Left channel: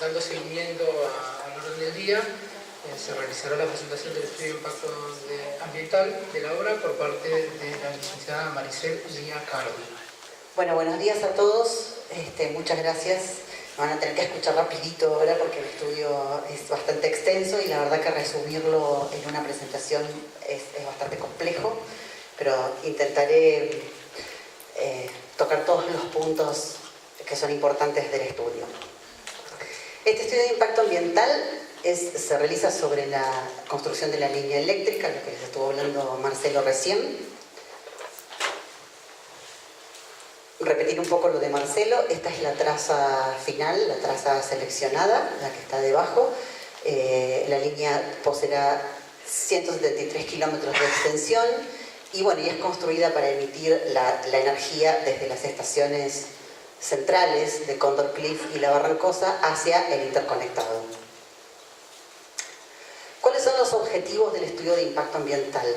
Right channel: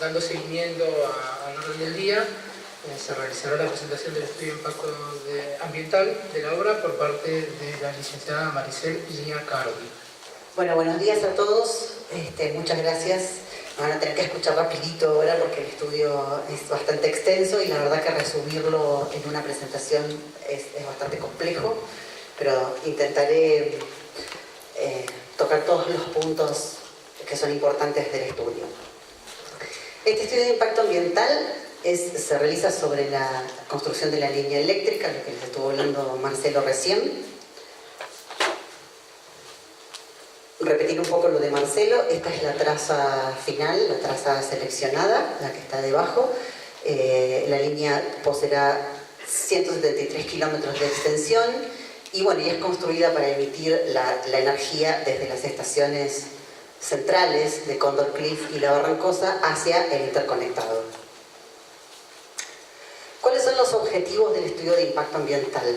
dando seguimiento al orden del día, se realizará la presentación del estudio de impacto ambiental de la obra por parte de la licenciada Maricel Lía Cardi. Bueno, buenos días a todos. Muchas gracias. Me van a tener que escuchar rapidito ahora porque el estudio es bastante extenso y la verdad que resumirlo en una presentación es bastante complejo, pero intentaré tocar todos los puntos que son importantes del estudio. Este estudio de impacto ambiental se realiza sobre la construcción de la línea eléctrica, lo que les estuvo hablando Marcelo recién. Repetir un poco lo de Marcelo, esta es la traza final, la traza seleccionada, la que está debajo. La línea poseerá 173 kilómetros de extensión y bueno, y es construida para emitir la energía desde las estaciones centrales de Condor Cliff y La Barrancosa hacia el interconectado. ¿Cuáles son los objetivos del estudio de impacto ambiental?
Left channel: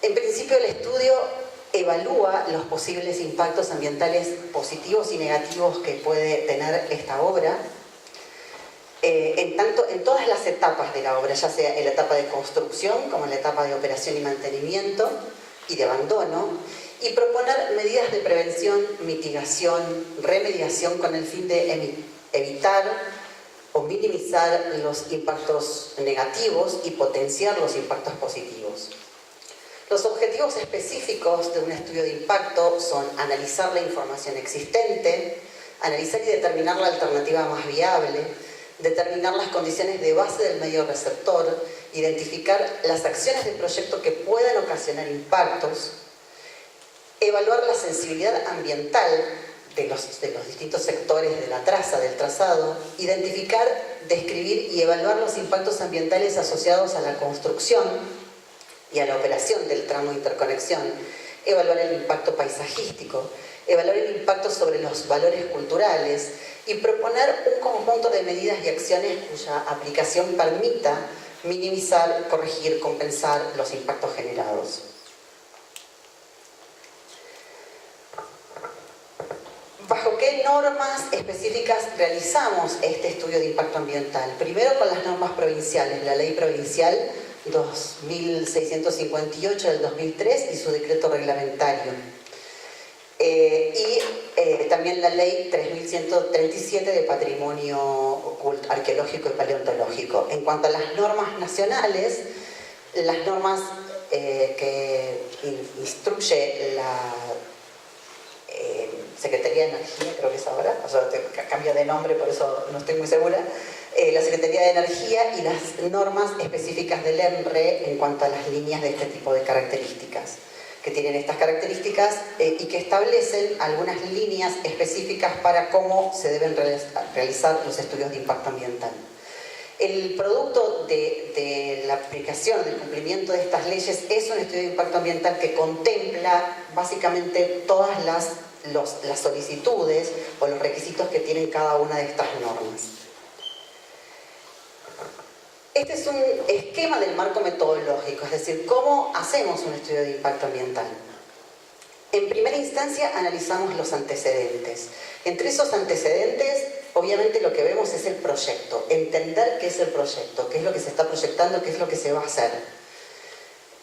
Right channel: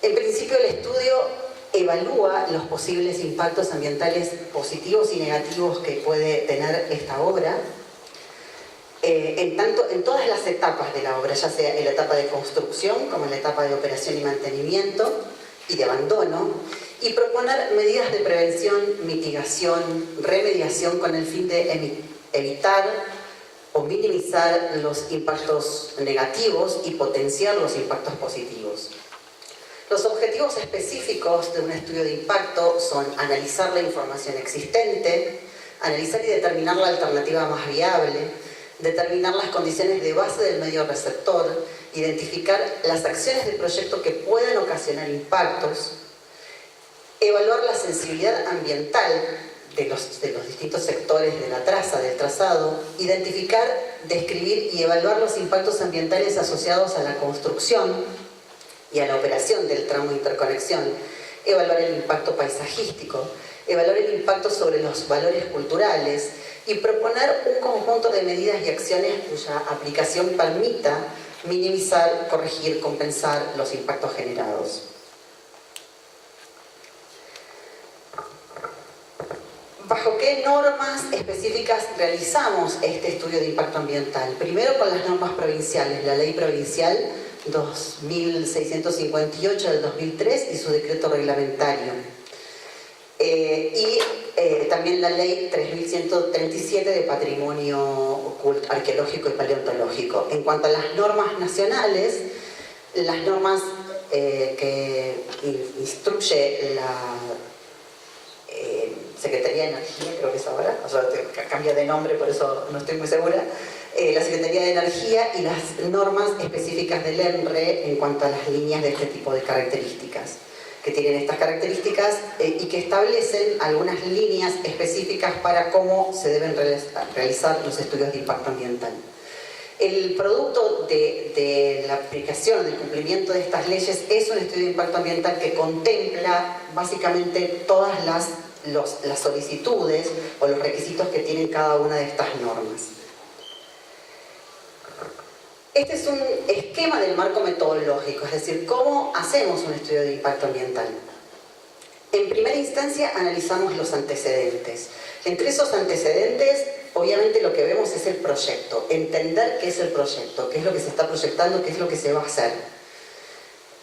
En principio, el estudio evalúa los posibles impactos ambientales positivos y negativos que puede tener esta obra, en todas las etapas de la obra, ya sea en la etapa de construcción como en la etapa de operación y mantenimiento y de abandono, y proponer medidas de prevención, mitigación, remediación con el fin de evitar o minimizar los impactos negativos y potenciar los impactos positivos. Los objetivos específicos de un estudio de impacto son analizar la información existente, analizar y determinar la alternativa más viable, determinar las condiciones de base del medio receptor, identificar las acciones del proyecto que puedan ocasionar impactos, evaluar la sensibilidad ambiental de los distintos sectores de la traza, del trazado, identificar, describir y evaluar los impactos ambientales asociados a la construcción y a la operación del tramo de interconexión, evaluar el impacto paisajístico, evaluar el impacto sobre los valores culturales y proponer un conjunto de medidas y acciones cuya aplicación permita minimizar, corregir, compensar los impactos generados. ¿Bajo qué normas específicas realizamos este estudio de impacto ambiental? Primero con las normas provinciales, la ley provincial 2658 del 2003 y su decreto reglamentario. También la ley 3137 de patrimonio arqueológico y paleontológico. En cuanto a las normas nacionales, las normas que instruye la Secretaría de Energía, creo que es ahora, o sea, cambia de nombre, por eso no estoy muy segura, la Secretaría de Energía y las normas específicas del ENRE en cuanto a las líneas de este tipo de características, que tienen estas características y que establecen algunas líneas específicas para cómo se deben realizar los estudios de impacto ambiental. El producto de la aplicación, del cumplimiento de estas leyes es un estudio de impacto ambiental que contempla básicamente todas las solicitudes o los requisitos que tienen cada una de estas normas. Este es un esquema del marco metodológico, es decir, cómo hacemos un estudio de impacto ambiental. En primera instancia analizamos los antecedentes. Entre esos antecedentes, obviamente lo que vemos es el proyecto, entender qué es el proyecto, qué es lo que se está proyectando, qué es lo que se va a hacer.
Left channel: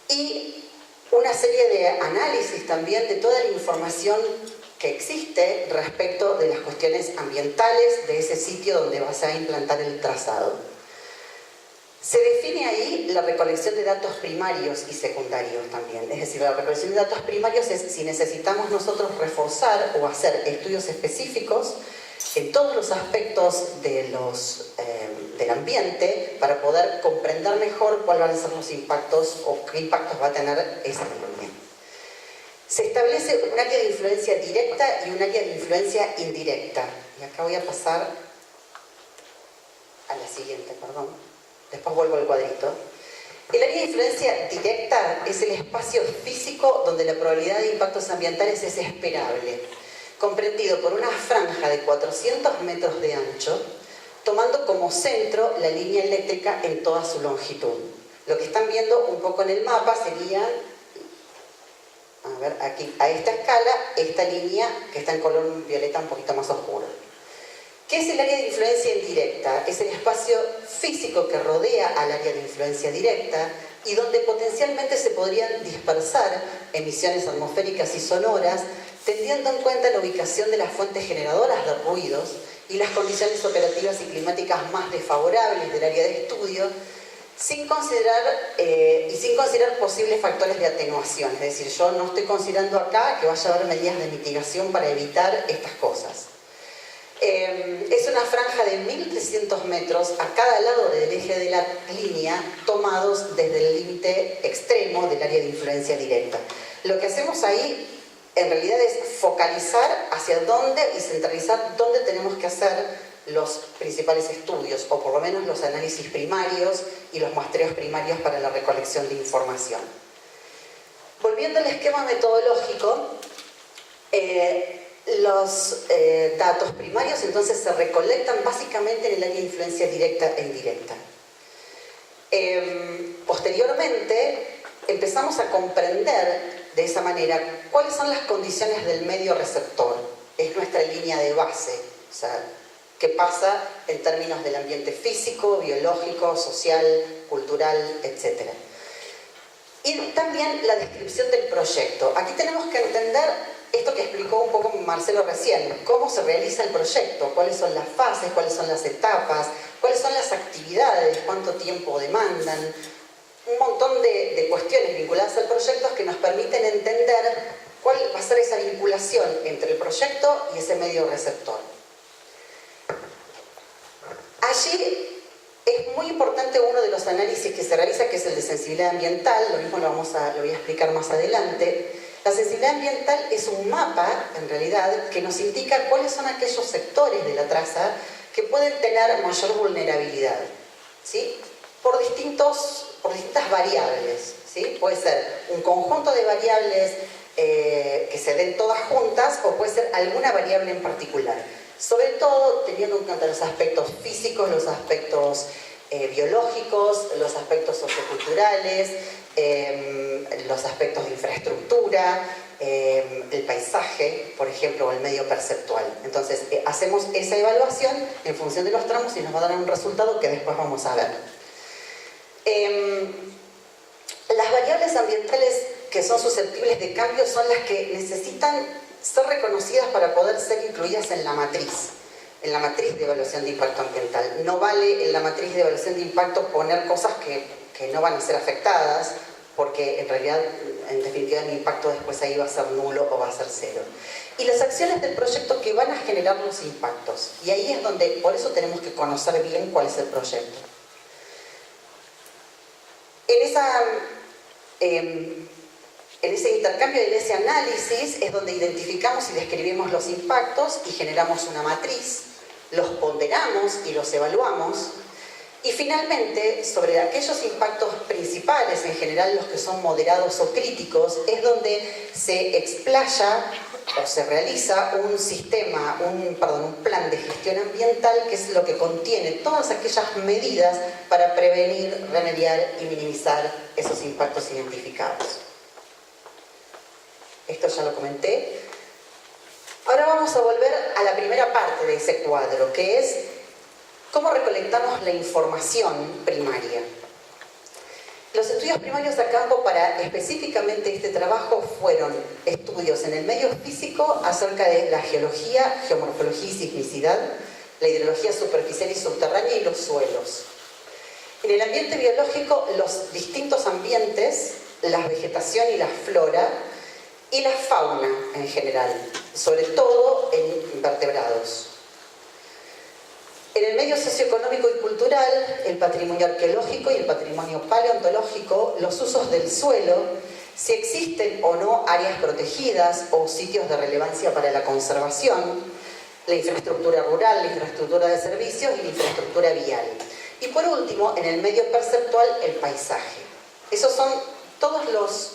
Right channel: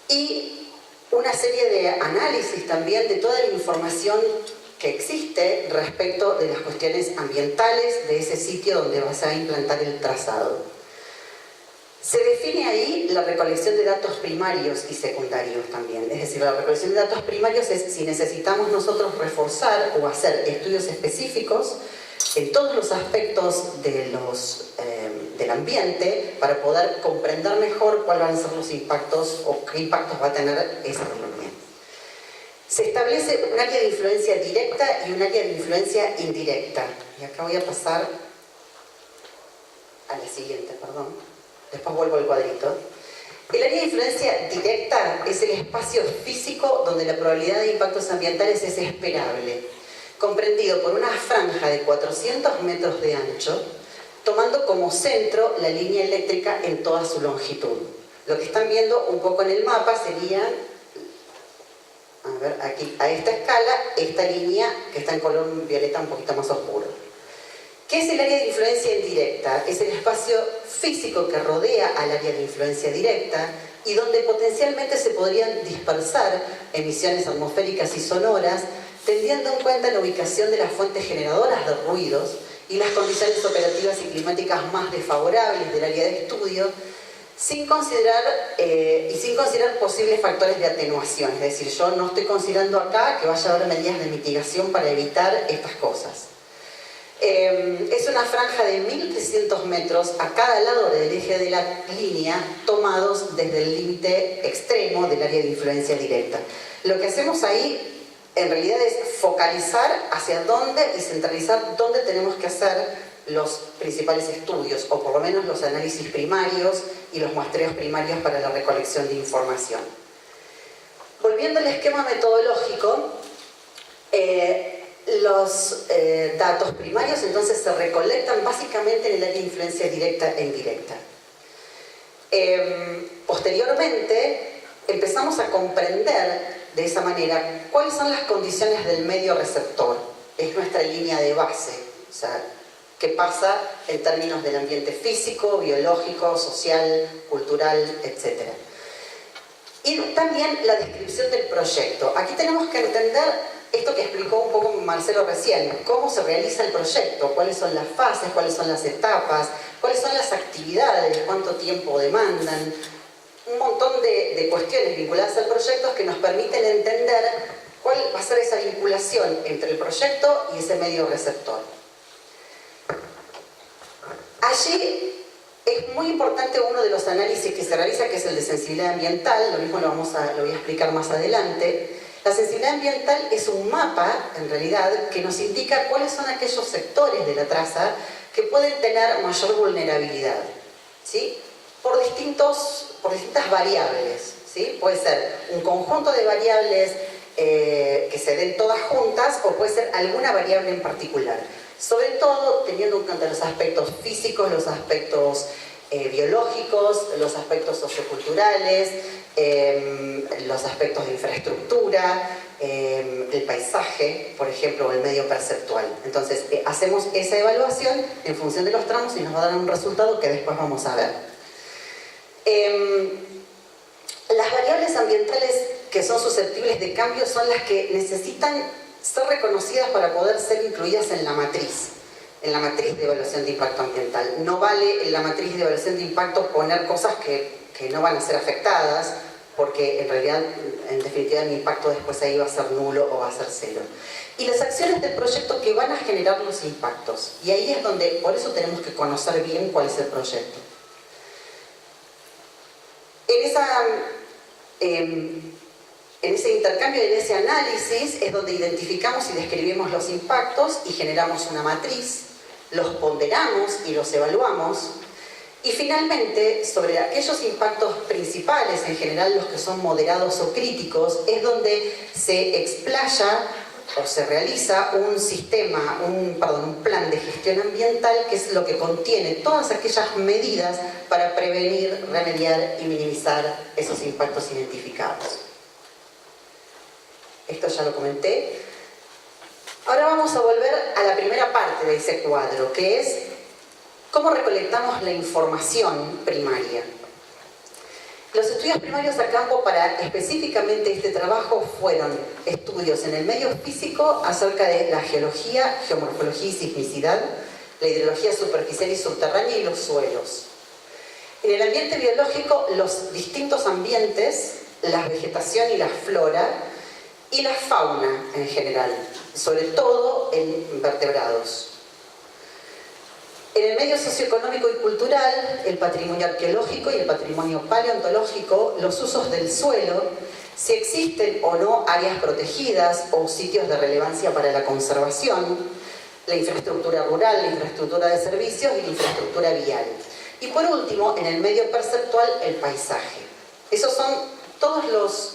Y una serie de análisis también de toda la información que existe respecto de las cuestiones ambientales de ese sitio donde vas a implantar el trazado. Se define ahí la recolección de datos primarios y secundarios también. Es decir, la recolección de datos primarios es si necesitamos nosotros reforzar o hacer estudios específicos en todos los aspectos del ambiente para poder comprender mejor cuáles van a ser los impactos o qué impactos va a tener esa línea. Se establece un área de influencia directa y un área de influencia indirecta. Y acá voy a pasar a la siguiente, perdón. Después vuelvo al cuadrito. El área de influencia directa es el espacio físico donde la probabilidad de impactos ambientales es esperable, comprendido por una franja de 400 metros de ancho, tomando como centro la línea eléctrica en toda su longitud. Lo que están viendo un poco en el mapa sería, a ver, aquí, a esta escala, esta línea que está en color violeta un poquito más oscuro. ¿Qué es el área de influencia indirecta? Es el espacio físico que rodea al área de influencia directa y donde potencialmente se podrían dispersar emisiones atmosféricas y sonoras, teniendo en cuenta la ubicación de las fuentes generadoras de ruidos y las condiciones operativas y climáticas más desfavorables del área de estudio, sin considerar posibles factores de atenuación. Es decir, yo no estoy considerando acá que vaya a haber medidas de mitigación para evitar estas cosas. Es una franja de 1.300 metros a cada lado del eje de la línea, tomados desde el límite extremo del área de influencia directa. Lo que hacemos ahí en realidad es focalizar hacia dónde y centralizar dónde tenemos que hacer los principales estudios, o por lo menos los análisis primarios y los muestreos primarios para la recolección de información. Volviendo al esquema metodológico, los datos primarios entonces se recolectan básicamente en el área de influencia directa e indirecta. Posteriormente empezamos a comprender de esa manera cuáles son las condiciones del medio receptor. Es nuestra línea de base, o sea, qué pasa en términos del ambiente físico, biológico, social, cultural, etc. Y también la descripción del proyecto. Aquí tenemos que entender esto que explicó un poco Marcelo recién, cómo se realiza el proyecto, cuáles son las fases, cuáles son las etapas, cuáles son las actividades, cuánto tiempo demandan, un montón de cuestiones vinculadas al proyecto que nos permiten entender cuál va a ser esa vinculación entre el proyecto y ese medio receptor. Allí es muy importante uno de los análisis que se realiza, que es el de sensibilidad ambiental, lo mismo lo voy a explicar más adelante. La sensibilidad ambiental es un mapa, en realidad, que nos indica cuáles son aquellos sectores de la traza que pueden tener mayor vulnerabilidad, ¿sí? Por distintas variables, ¿sí? Puede ser un conjunto de variables que se den todas juntas, o puede ser alguna variable en particular. Sobre todo teniendo en cuenta los aspectos físicos, los aspectos biológicos, los aspectos socioculturales, los aspectos de infraestructura, el paisaje, por ejemplo, o el medio perceptual. Entonces, hacemos esa evaluación en función de los tramos y nos va a dar un resultado que después vamos a ver. Las variables ambientales que son susceptibles de cambio son las que necesitan ser reconocidas para poder ser incluidas en la matriz de evaluación de impacto ambiental. No vale en la matriz de evaluación de impacto poner cosas que no van a ser afectadas, porque en realidad, en definitiva, el impacto después ahí va a ser nulo o va a ser cero. Y las acciones del proyecto que van a generar los impactos. Y ahí es donde, por eso tenemos que conocer bien cuál es el proyecto. En ese intercambio, en ese análisis, es donde identificamos y describimos los impactos y generamos una matriz, los ponderamos y los evaluamos. Y finalmente, sobre aquellos impactos principales, en general los que son moderados o críticos, es donde se explaya o se realiza un plan de gestión ambiental, que es lo que contiene todas aquellas medidas para prevenir, remediar y minimizar esos impactos identificados. Esto ya lo comenté. Ahora vamos a volver a la primera parte de ese cuadro, que es cómo recolectamos la información primaria. Los estudios primarios a campo para específicamente este trabajo fueron estudios en el medio físico acerca de la geología, geomorfología y sismicidad, la hidrología superficial y subterránea y los suelos. En el ambiente biológico, los distintos ambientes, la vegetación y la flora, y la fauna en general, sobre todo en invertebrados. En el medio socioeconómico y cultural, el patrimonio arqueológico y el patrimonio paleontológico, los usos del suelo, si existen o no áreas protegidas o sitios de relevancia para la conservación, la infraestructura rural, la infraestructura de servicios y la infraestructura vial. Y por último, en el medio perceptual, el paisaje. Esos son todos los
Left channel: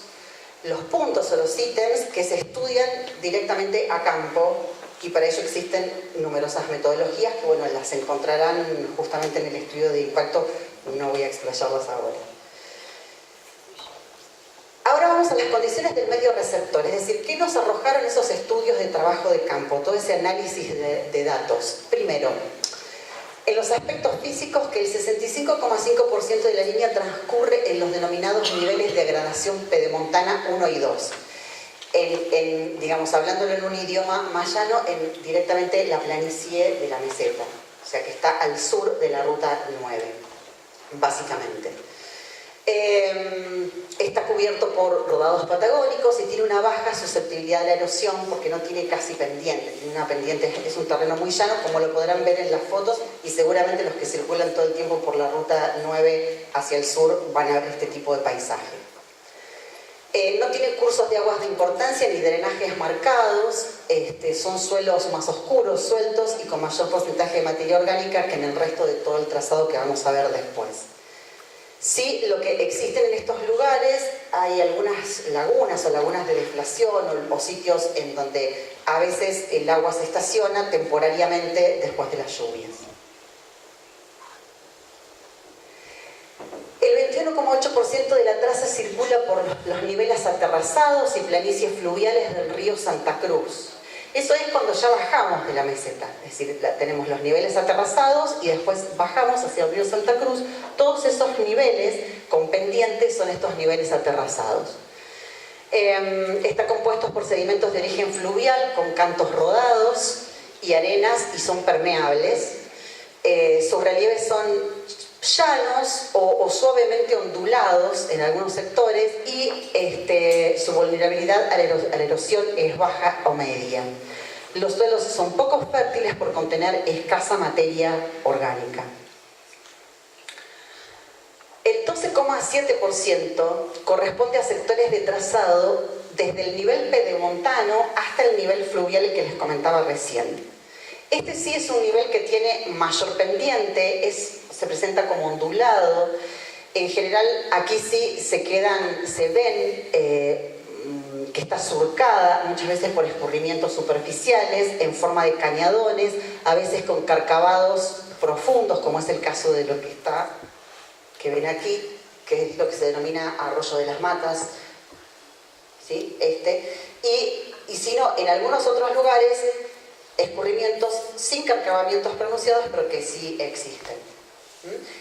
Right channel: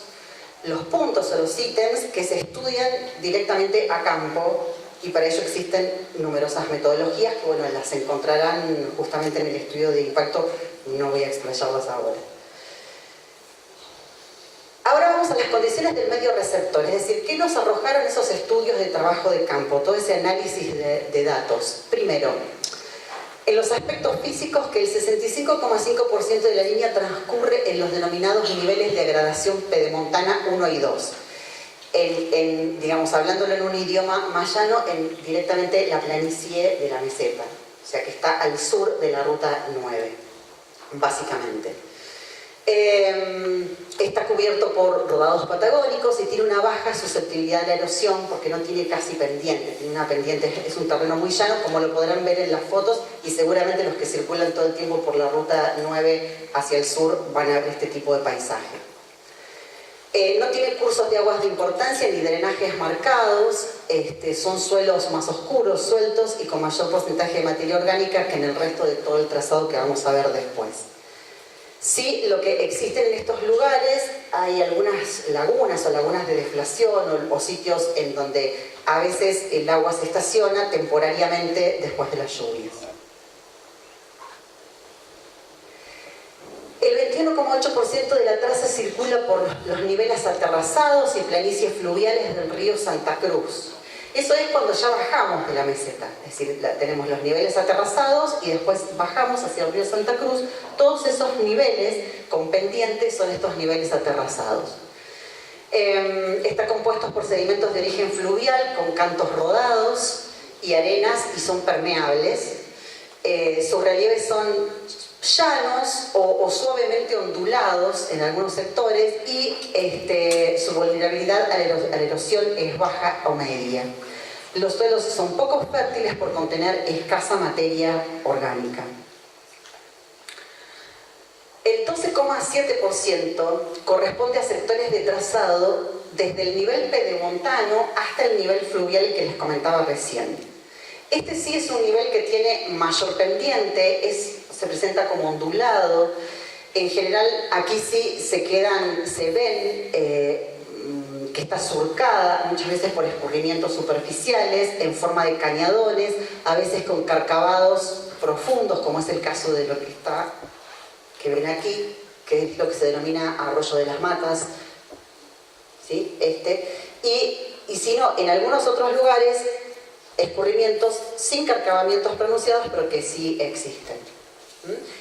puntos o los ítems que se estudian directamente a campo, y para ello existen numerosas metodologías que, bueno, las encontrarán justamente en el estudio de impacto, no voy a explayarlas ahora. Ahora vamos a las condiciones del medio receptor, es decir, ¿qué nos arrojaron esos estudios de trabajo de campo, todo ese análisis de datos? Primero, en los aspectos físicos, que el 65,5% de la línea transcurre en los denominados niveles de gradación pedemontana 1 y 2. Digamos, hablándolo en un idioma más llano, directamente la planicie de la meseta, o sea que está al sur de la ruta 9, básicamente. Está cubierto por rodados patagónicos y tiene una baja susceptibilidad a la erosión porque no tiene casi pendiente, tiene una pendiente, es un terreno muy llano, como lo podrán ver en las fotos, y seguramente los que circulan todo el tiempo por la ruta 9 hacia el sur van a ver este tipo de paisaje. No tiene cursos de aguas de importancia ni drenajes marcados, son suelos más oscuros, sueltos y con mayor porcentaje de materia orgánica que en el resto de todo el trazado que vamos a ver después. Sí, lo que existen en estos lugares, hay algunas lagunas o lagunas de deflación o sitios en donde a veces el agua se estaciona temporariamente después de las lluvias. El 21,8% de la traza circula por los niveles aterrazados y planicies fluviales del río Santa Cruz. Eso es cuando ya bajamos de la meseta, es decir, tenemos los niveles aterrazados y después bajamos hacia el río Santa Cruz. Todos esos niveles con pendientes son estos niveles aterrazados. Está compuesto por sedimentos de origen fluvial con cantos rodados y arenas y son permeables. Sus relieves son llanos o suavemente ondulados en algunos sectores y su vulnerabilidad a la erosión es baja o media. Los suelos son poco fértiles por contener escasa materia orgánica. El 12,7% corresponde a sectores de trazado desde el nivel pedemontano hasta el nivel fluvial que les comentaba recién. Este sí es un nivel que tiene mayor pendiente, se presenta como ondulado. En general, aquí sí se ven que está surcada muchas veces por escurrimientos superficiales en forma de cañadones, a veces con carcavados profundos, como es el caso de lo que ven aquí, que es lo que se denomina arroyo de las matas, ¿sí? Y si no, en algunos otros lugares, escurrimientos sin carcavamientos pronunciados, pero que sí existen.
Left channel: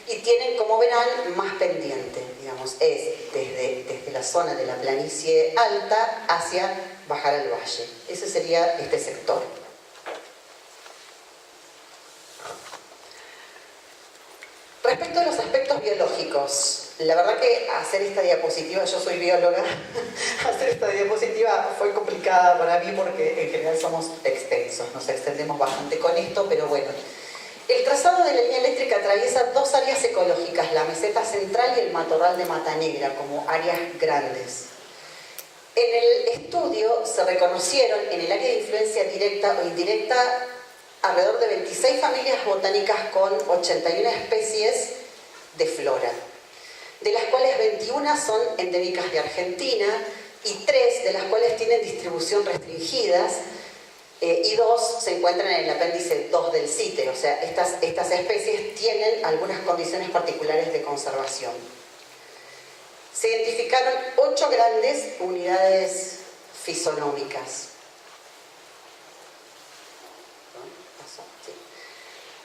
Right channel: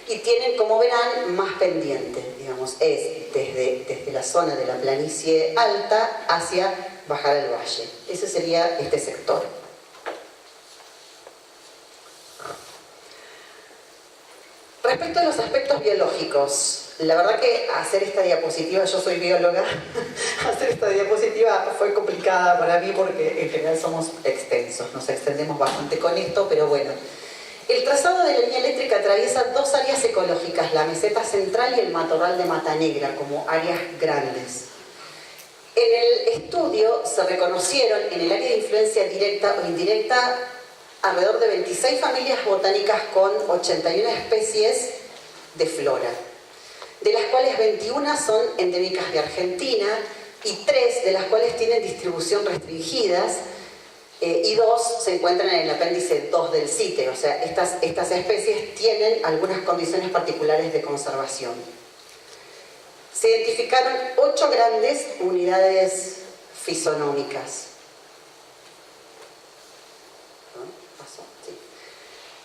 Y tienen, como verán, más pendiente, digamos, es desde la zona de la planicie alta hacia bajar al valle. Ese sería este sector. Respecto a los aspectos biológicos, la verdad que hacer esta diapositiva, yo soy bióloga, hacer esta diapositiva fue complicada para mí porque en general somos extensos, nos extendemos bastante con esto, pero bueno. El trazado de la línea eléctrica atraviesa dos áreas ecológicas, la meseta central y el matorral de Mata Negra, como áreas grandes. En el estudio se reconocieron en el área de influencia directa o indirecta alrededor de 26 familias botánicas con 81 especies de flora, de las cuales 21 son endémicas de Argentina y 3 de las cuales tienen distribución restringidas, y 2 se encuentran en el apéndice 2 del CITE, o sea, estas especies tienen algunas condiciones particulares de conservación. Se identificaron 8 grandes unidades fisonómicas.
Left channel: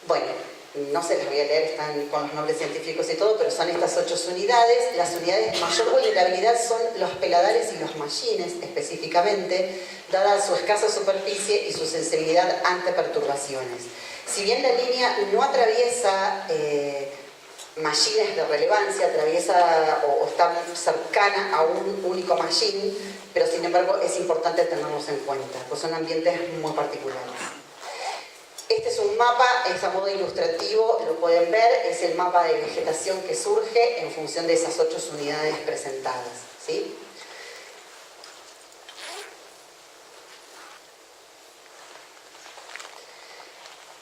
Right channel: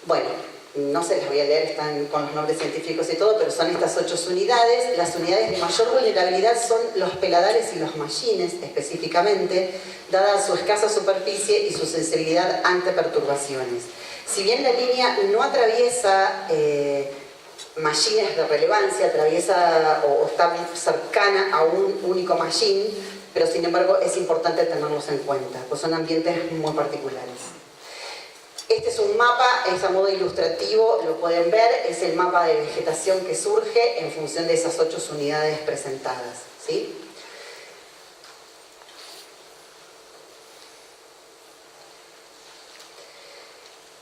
Bueno, no se las voy a leer, están con los nombres científicos y todo, pero son estas 8 unidades. Las unidades de mayor vulnerabilidad son los peladares y los mallines, específicamente, dada su escasa superficie y su sensibilidad ante perturbaciones. Si bien la línea no atraviesa mallines de relevancia, atraviesa o está cercana a un único mallín, pero sin embargo es importante tenerlos en cuenta, pues son ambientes muy particulares. Este es un mapa, es a modo ilustrativo, lo pueden ver, es el mapa de vegetación que surge en función de esas 8 unidades presentadas, ¿sí?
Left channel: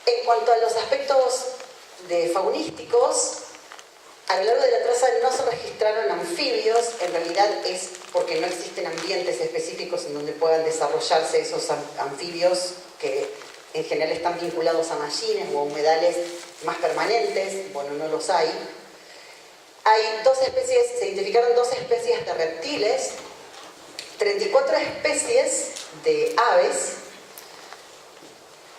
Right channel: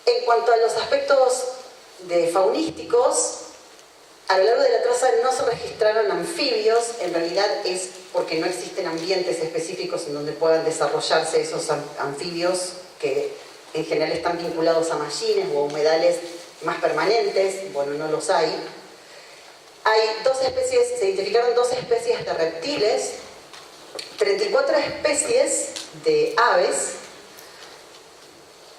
En cuanto a los aspectos faunísticos, a lo largo de la traza no se registraron anfibios, en realidad es porque no existen ambientes específicos en donde puedan desarrollarse esos anfibios que en general están vinculados a mallines o a humedales más permanentes. Bueno, no los hay. Se identificaron 2 especies de reptiles 34 especies de aves.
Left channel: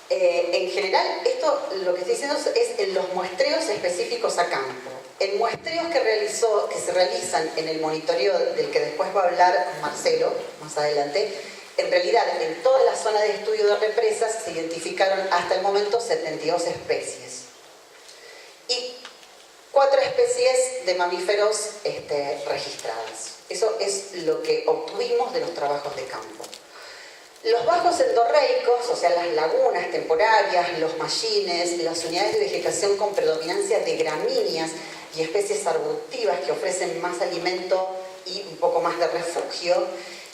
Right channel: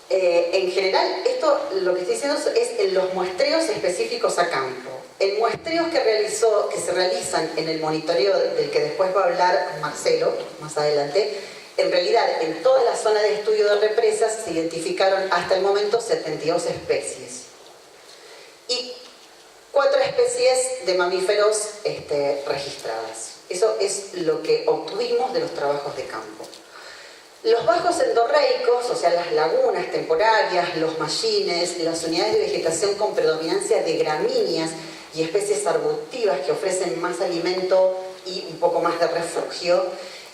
En general, esto lo que estoy diciendo es en los muestreos específicos a campo. En muestreos que se realizan en el monitoreo del que después va a hablar Marcelo más adelante, en realidad en toda la zona de estudio de represas se identificaron hasta el momento 72 especies. Y 4 especies de mamíferos registradas. Eso es lo que obtuvimos de los trabajos de campo. Los bajos endorreicos, o sea, las lagunas temporarias, los mallines, las unidades de vegetación con predominancia de gramíneas y especies arbustivas que ofrecen más alimento y un poco más de refugio,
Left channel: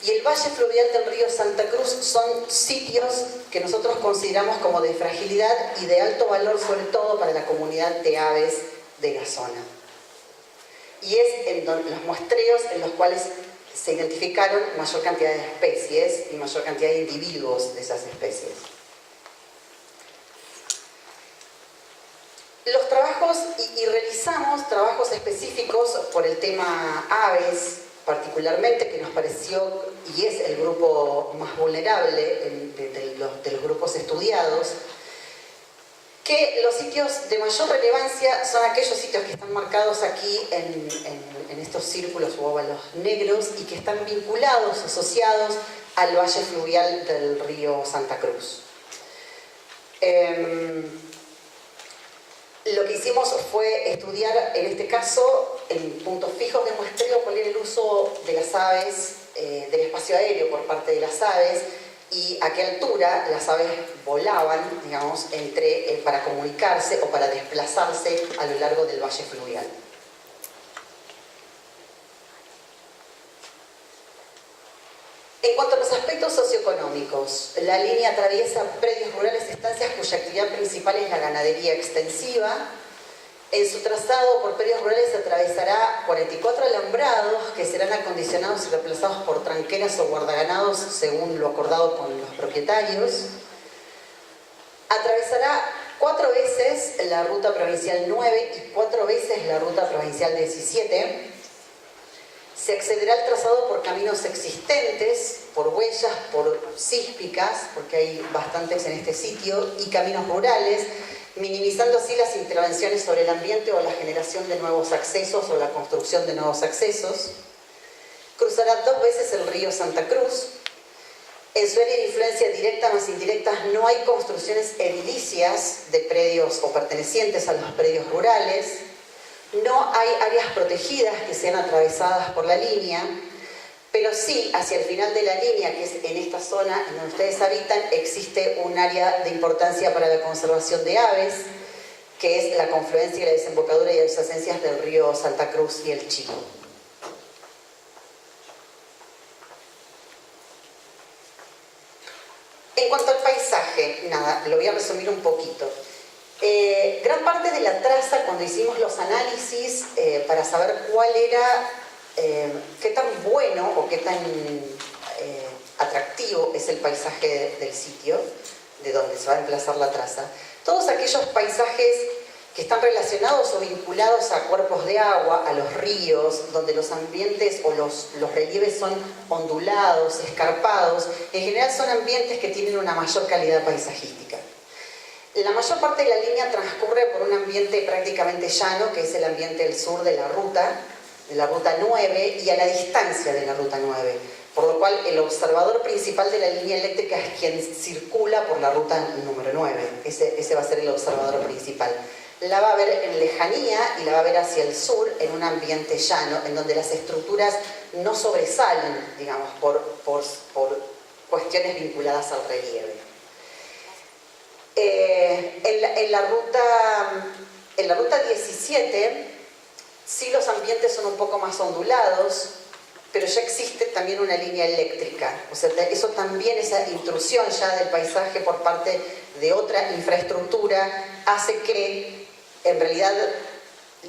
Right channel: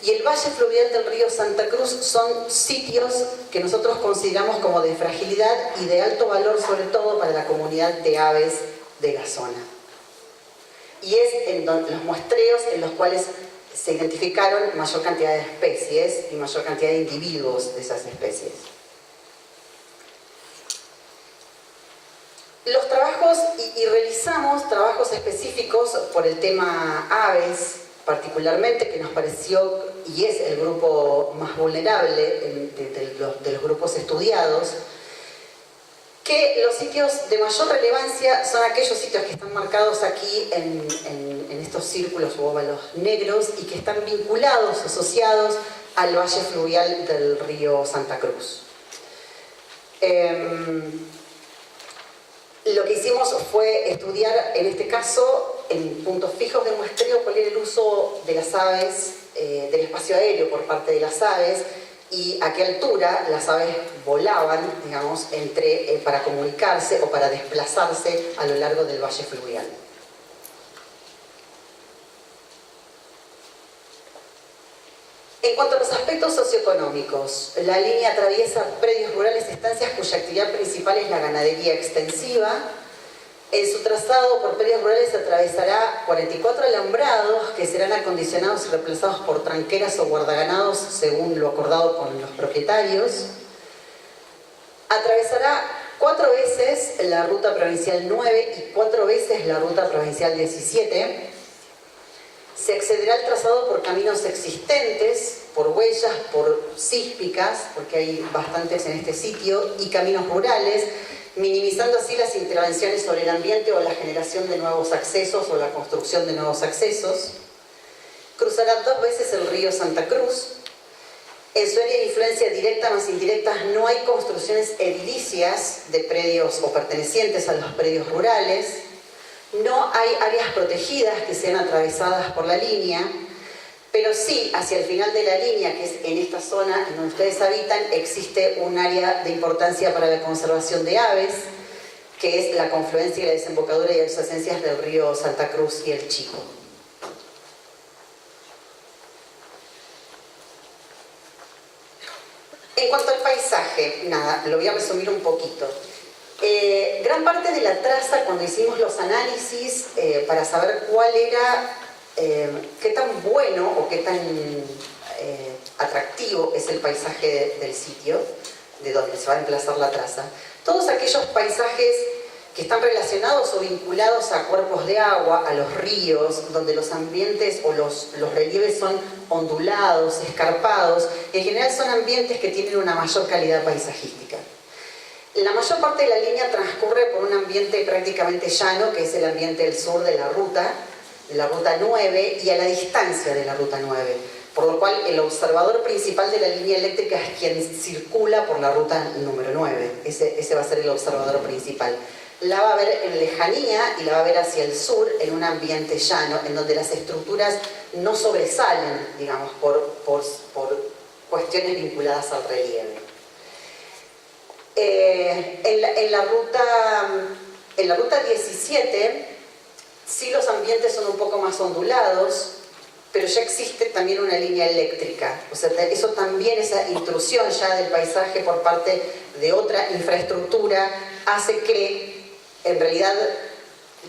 y el valle fluvial del río Santa Cruz son sitios que nosotros consideramos como de fragilidad y de alto valor, sobre todo para la comunidad de aves de la zona. Y es en los muestreos en los cuales se identificaron mayor cantidad de especies y mayor cantidad de individuos de esas especies. Los trabajos, y realizamos trabajos específicos por el tema aves, particularmente, que nos pareció y es el grupo más vulnerable de los grupos estudiados, que los sitios de mayor relevancia son aquellos sitios que están marcados aquí en estos círculos o óvalos negros y que están vinculados, asociados al valle fluvial del río Santa Cruz. Lo que hicimos fue estudiar, en este caso, en puntos fijos de muestreo, cuál era el uso de las aves, del espacio aéreo por parte de las aves, y a qué altura las aves volaban, digamos, para comunicarse o para desplazarse a lo largo del valle fluvial. En cuanto a los aspectos socioeconómicos, la línea atraviesa predios rurales, estancias cuya actividad principal es la ganadería extensiva. En su trazado por predios rurales atravesará 44 alambrados que serán acondicionados y reemplazados por tranqueras o guardaganados según lo acordado con los propietarios. Atravesará 4 veces la ruta provincial 9 y 4 veces la ruta provincial 17. Se accederá al trazado por caminos existentes, por huellas, por sísmicas, porque hay bastantes en este sitio, y caminos rurales, minimizando así las intervenciones sobre el ambiente o la generación de nuevos accesos o la construcción de nuevos accesos. Cruzará 2 veces el río Santa Cruz. En su área de influencia directa más indirectas no hay construcciones edilicias de predios o pertenecientes a los predios rurales. No hay áreas protegidas que sean atravesadas por la línea, pero sí, hacia el final de la línea, que es en esta zona en donde ustedes habitan, existe un área de importancia para la conservación de aves, que es la confluencia y la desembocadura y adyacencias del río Santa Cruz y el Chico. En cuanto al paisaje, nada, lo voy a resumir un poquito. Gran parte de la traza, cuando hicimos los análisis para saber cuál era, qué tan bueno o qué tan atractivo es el paisaje del sitio, de donde se va a emplazar la traza, todos aquellos paisajes que están relacionados o vinculados a cuerpos de agua, a los ríos, donde los ambientes o los relieves son ondulados, escarpados, en general son ambientes que tienen una mayor calidad paisajística. La mayor parte de la línea transcurre por un ambiente prácticamente llano, que es el ambiente del sur de la ruta 9, y a la distancia de la ruta 9, por lo cual el observador principal de la línea eléctrica es quien circula por la ruta número 9. Ese va a ser el observador principal. La va a ver en lejanía y la va a ver hacia el sur en un ambiente llano, en donde las estructuras no sobresalen, digamos, por cuestiones vinculadas al relieve. En la ruta 17, sí, los ambientes son un poco más ondulados, pero ya existe también una línea eléctrica. O sea, eso también, esa intrusión ya del paisaje por parte de otra infraestructura, hace que en realidad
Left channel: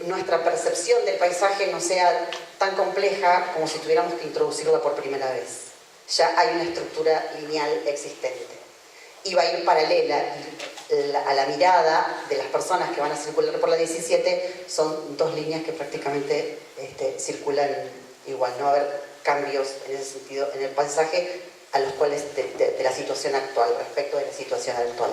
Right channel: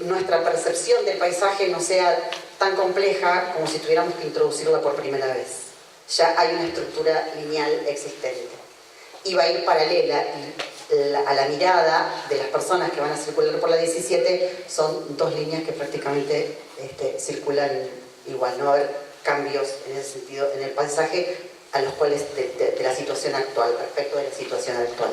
nuestra percepción del paisaje no sea tan compleja como si tuviéramos que introducirla por primera vez. Ya hay una estructura lineal existente y va a ir paralela a la mirada de las personas que van a circular por la 17. Son 2 líneas que prácticamente circulan igual, no va a haber cambios en ese sentido en el paisaje a los cuales de la situación actual, respecto de la situación actual.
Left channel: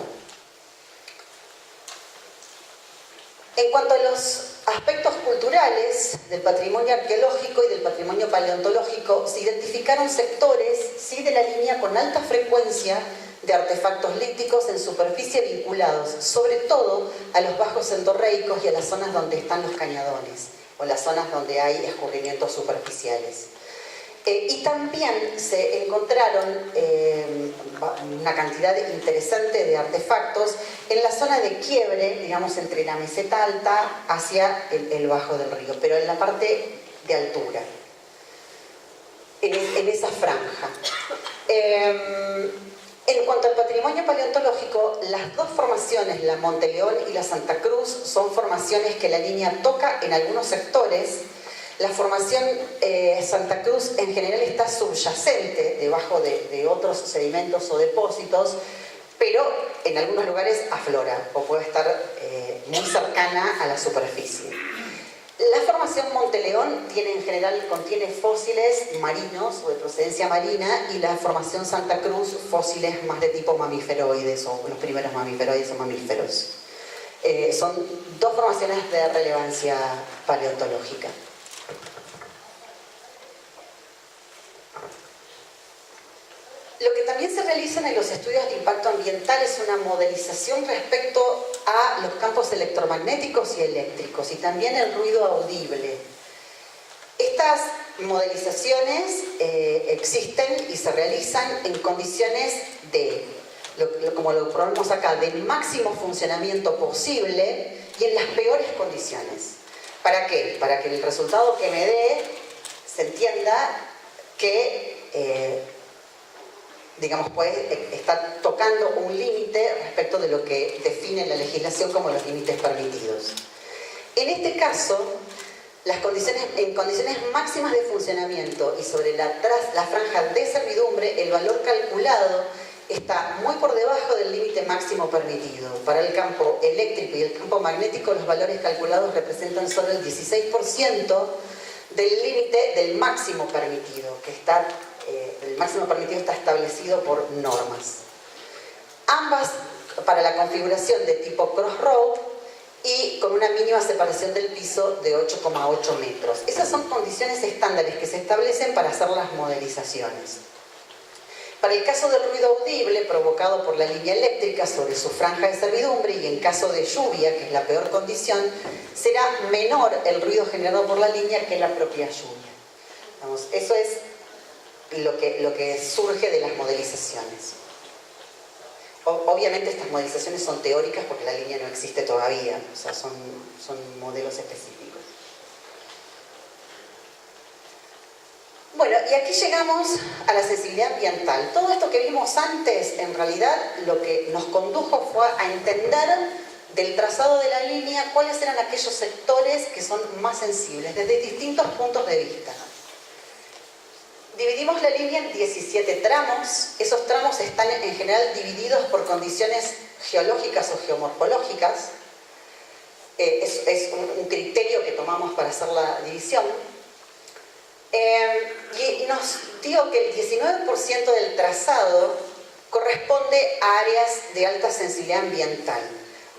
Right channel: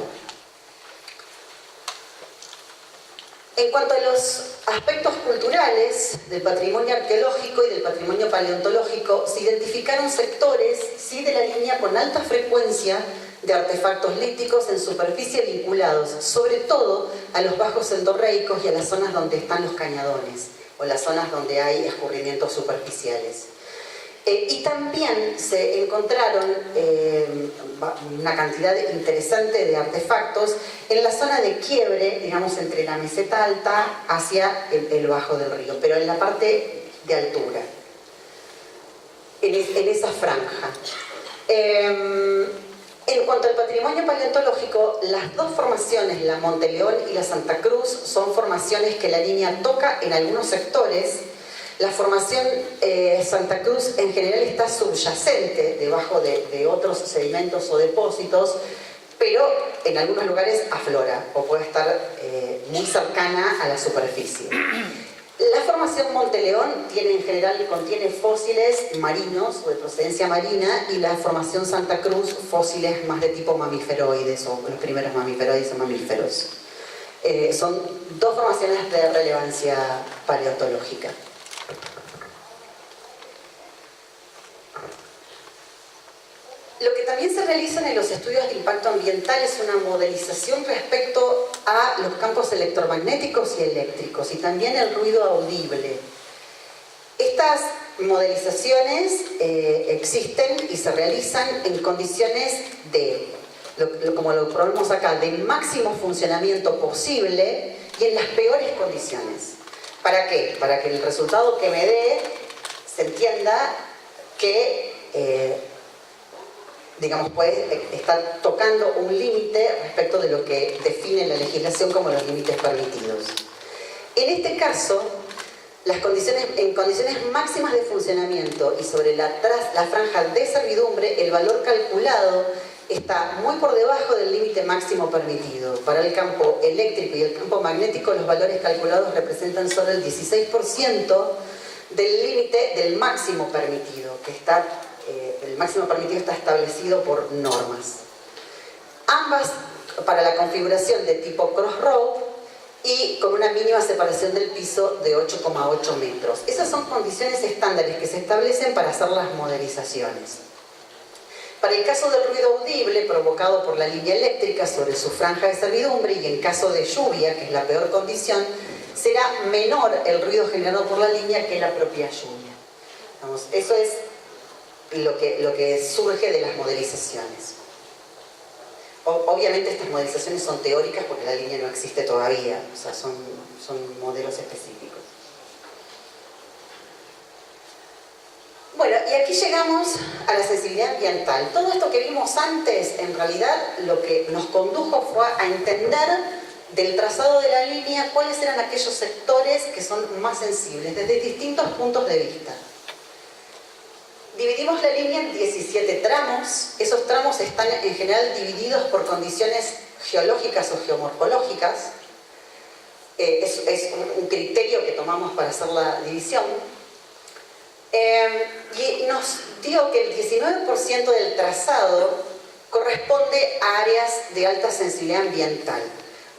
En cuanto a los aspectos culturales del patrimonio arqueológico y del patrimonio paleontológico, se identificaron sectores, sí, de la línea con alta frecuencia de artefactos líticos en superficie vinculados, sobre todo a los bajos endorreicos y a las zonas donde están los cañadones, o las zonas donde hay escurrimientos superficiales. Y también se encontraron una cantidad interesante de artefactos en la zona de quiebre, digamos, entre la meseta alta hacia el bajo del río, pero en la parte de altura, en esa franja. En cuanto al patrimonio paleontológico, las dos formaciones, la Monteleón y la Santa Cruz, son formaciones que la línea toca en algunos sectores. La formación Santa Cruz en general está subyacente debajo de otros sedimentos o depósitos, pero en algunos lugares aflora o puede estar muy cercana a la superficie. La formación Monteleón en general contiene fósiles marinos o de procedencia marina, y la formación Santa Cruz fósiles más de tipo mamiferoides, o los primeros mamiferoides o mamíferos. Son dos formaciones de relevancia paleontológica. Lo que también se realiza en los estudios de impacto ambiental es una modelización respecto a los campos electromagnéticos y eléctricos, y también el ruido audible. Estas modelizaciones existen y se realizan en condiciones de, como lo ponemos acá, del máximo funcionamiento posible y en las peores condiciones. ¿Para qué? Para que el resultado que me dé se entienda que digamos, está tocando un límite respecto de lo que define la legislación como los límites permitidos. En este caso, en condiciones máximas de funcionamiento y sobre la franja de servidumbre, el valor calculado está muy por debajo del límite máximo permitido. Para el campo eléctrico y el campo magnético, los valores calculados representan solo el 16% del límite del máximo permitido, que está el máximo permitido está establecido por normas. Ambas para la configuración de tipo crossroad y con una mínima separación del piso de 8,8 metros. Esas son condiciones estándares que se establecen para hacer las modelizaciones. Para el caso del ruido audible provocado por la línea eléctrica sobre su franja de servidumbre, y en caso de lluvia, que es la peor condición, será menor el ruido generado por la línea que la propia lluvia. Vamos, eso es lo que surge de las modelizaciones. Obviamente estas modelizaciones son teóricas porque la línea no existe todavía, o sea, son modelos específicos. Bueno, y aquí llegamos a la sensibilidad ambiental. Todo esto que vimos antes, en realidad, lo que nos condujo fue a entender del trazado de la línea cuáles eran aquellos sectores que son más sensibles, desde distintos puntos de vista. Dividimos la línea en 17 tramos. Esos tramos están en general divididos por condiciones geológicas o geomorfológicas. Es un criterio que tomamos para hacer la división. Y nos digo que el 19% del trazado corresponde a áreas de alta sensibilidad ambiental,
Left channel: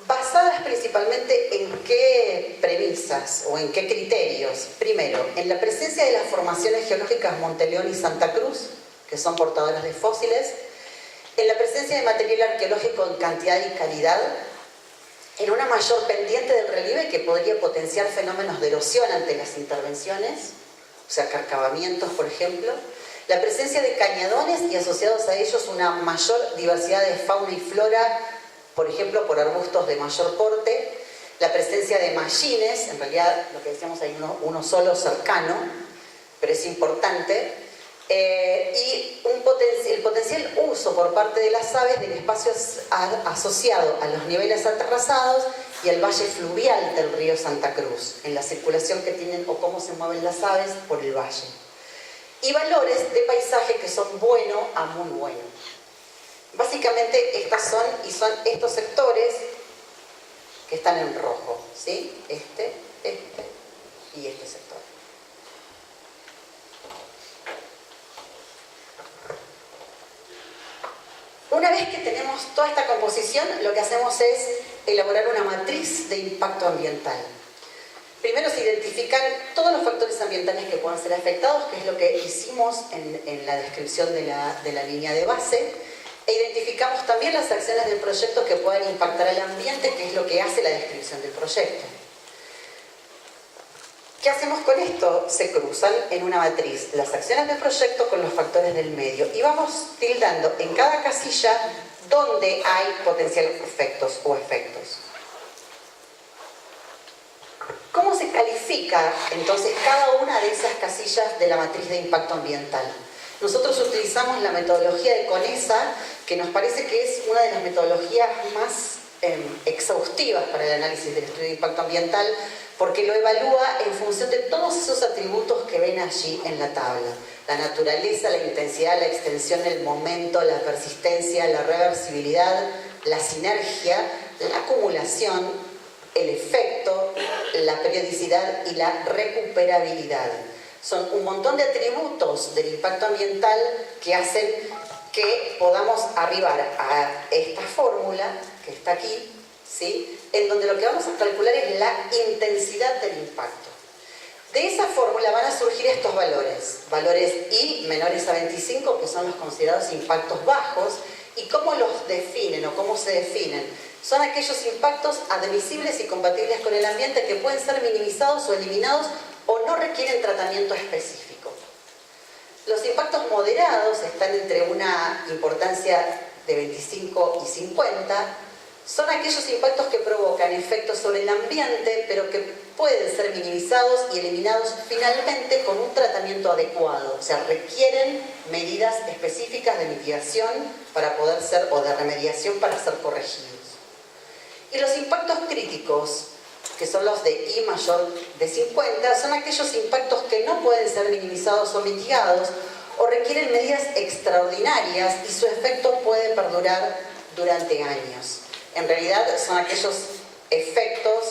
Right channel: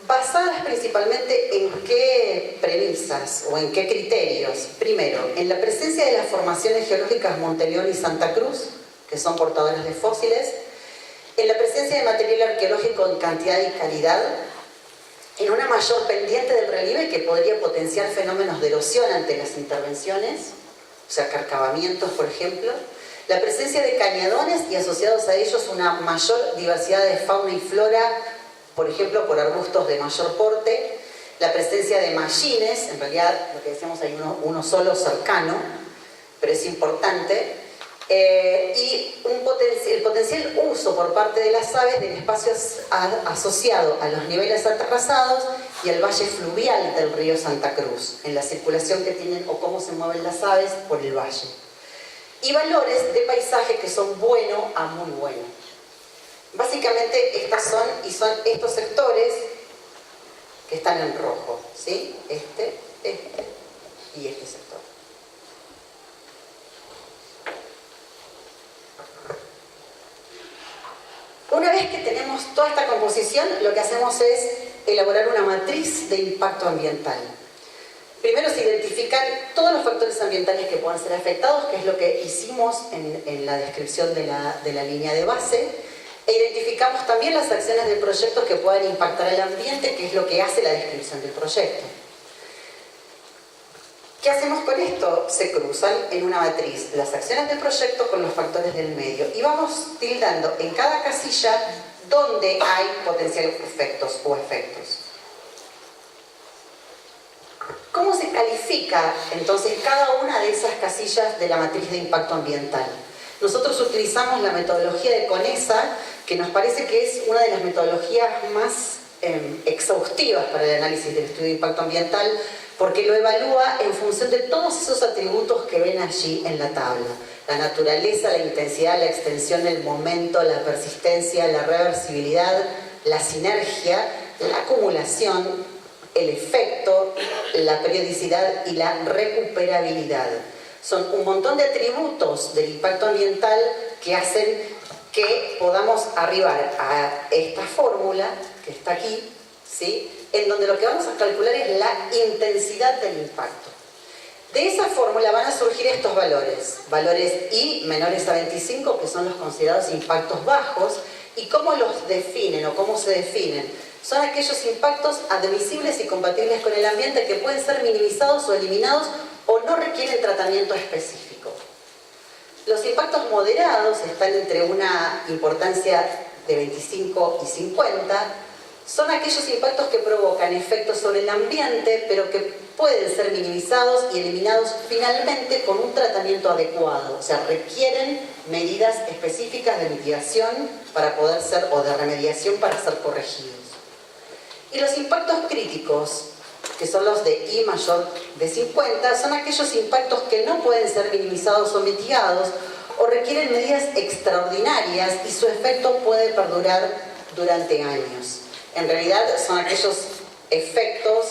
basadas principalmente en qué premisas o en qué criterios. Primero, en la presencia de las formaciones geológicas Monteleón y Santa Cruz, que son portadoras de fósiles, en la presencia de material arqueológico en cantidad y calidad, en una mayor pendiente del relieve que podría potenciar fenómenos de erosión ante las intervenciones, o sea, carcavamientos, por ejemplo, la presencia de cañadones y asociados a ellos una mayor diversidad de fauna y flora, por ejemplo, por arbustos de mayor porte, la presencia de mallines, en realidad lo que decíamos hay uno solo cercano, pero es importante, y el potencial uso por parte de las aves del espacio asociado a los niveles aterrazados y al valle fluvial del río Santa Cruz, en la circulación que tienen o cómo se mueven las aves por el valle. Y valores de paisaje que son bueno a muy bueno. Básicamente son estos sectores que están en rojo, ¿sí? Este y este sector. tenemos toda esta composición, lo que hacemos es elaborar una matriz de impacto ambiental. Primero se identifican todos los factores ambientales que puedan ser afectados, que es lo que hicimos en la descripción de la línea de base, e identificamos también las acciones del proyecto que puedan impactar al ambiente, que es lo que hace la descripción del proyecto. ¿Qué hacemos con esto? Se cruzan en una matriz las acciones del proyecto con los factores del medio y vamos tildando en cada casilla donde hay potenciales efectos o efectos. ¿Cómo se califica entonces cada una de esas casillas de la matriz de impacto ambiental? Nosotros utilizamos la metodología de CONESA, que nos parece que es una de las metodologías más exhaustivas para el análisis del estudio de impacto ambiental, porque lo evalúa en función de todos esos atributos que ven allí en la tabla. La naturaleza, la intensidad, la extensión, el momento, la persistencia, la reversibilidad, la sinergia, la acumulación, el efecto, la periodicidad y la recuperabilidad. Son un montón de atributos del impacto ambiental que hacen que podamos arribar a esta fórmula que está aquí, ¿sí?, en donde lo que vamos a calcular es la intensidad del impacto. De esa fórmula van a surgir estos valores, valores I menores a 25, que son los considerados impactos bajos, y cómo los definen o cómo se definen. Son aquellos impactos admisibles y compatibles con el ambiente que pueden ser minimizados o eliminados o no requieren tratamiento específico. Los impactos moderados están entre una importancia de 25 y 50. Son aquellos impactos que provocan efectos sobre el ambiente, pero que pueden ser minimizados y eliminados finalmente con un tratamiento adecuado. O sea, requieren medidas específicas de mitigación para poder ser, o de remediación para ser corregidos. Y los impactos críticos, que son los de I mayor de 50, son aquellos impactos que no pueden ser minimizados o mitigados o requieren medidas extraordinarias y su efecto puede perdurar durante años. En realidad son aquellos efectos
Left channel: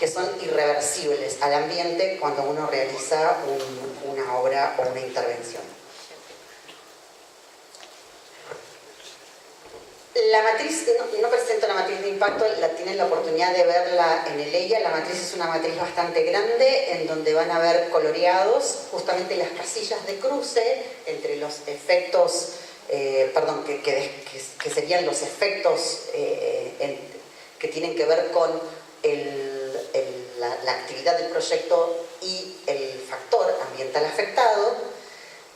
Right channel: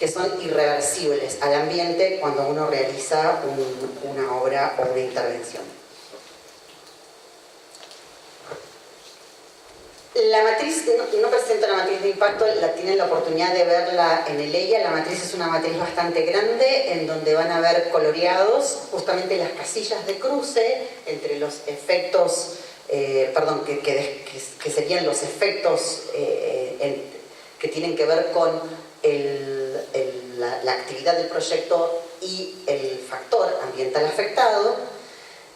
que son irreversibles al ambiente cuando uno realiza una obra o una intervención. La matriz, no presento la matriz de impacto, tienen la oportunidad de verla en el EIA. La matriz es una matriz bastante grande en donde van a ver coloreados justamente las casillas de cruce entre los efectos, que serían los efectos que tienen que ver con la actividad del proyecto y el factor ambiental afectado.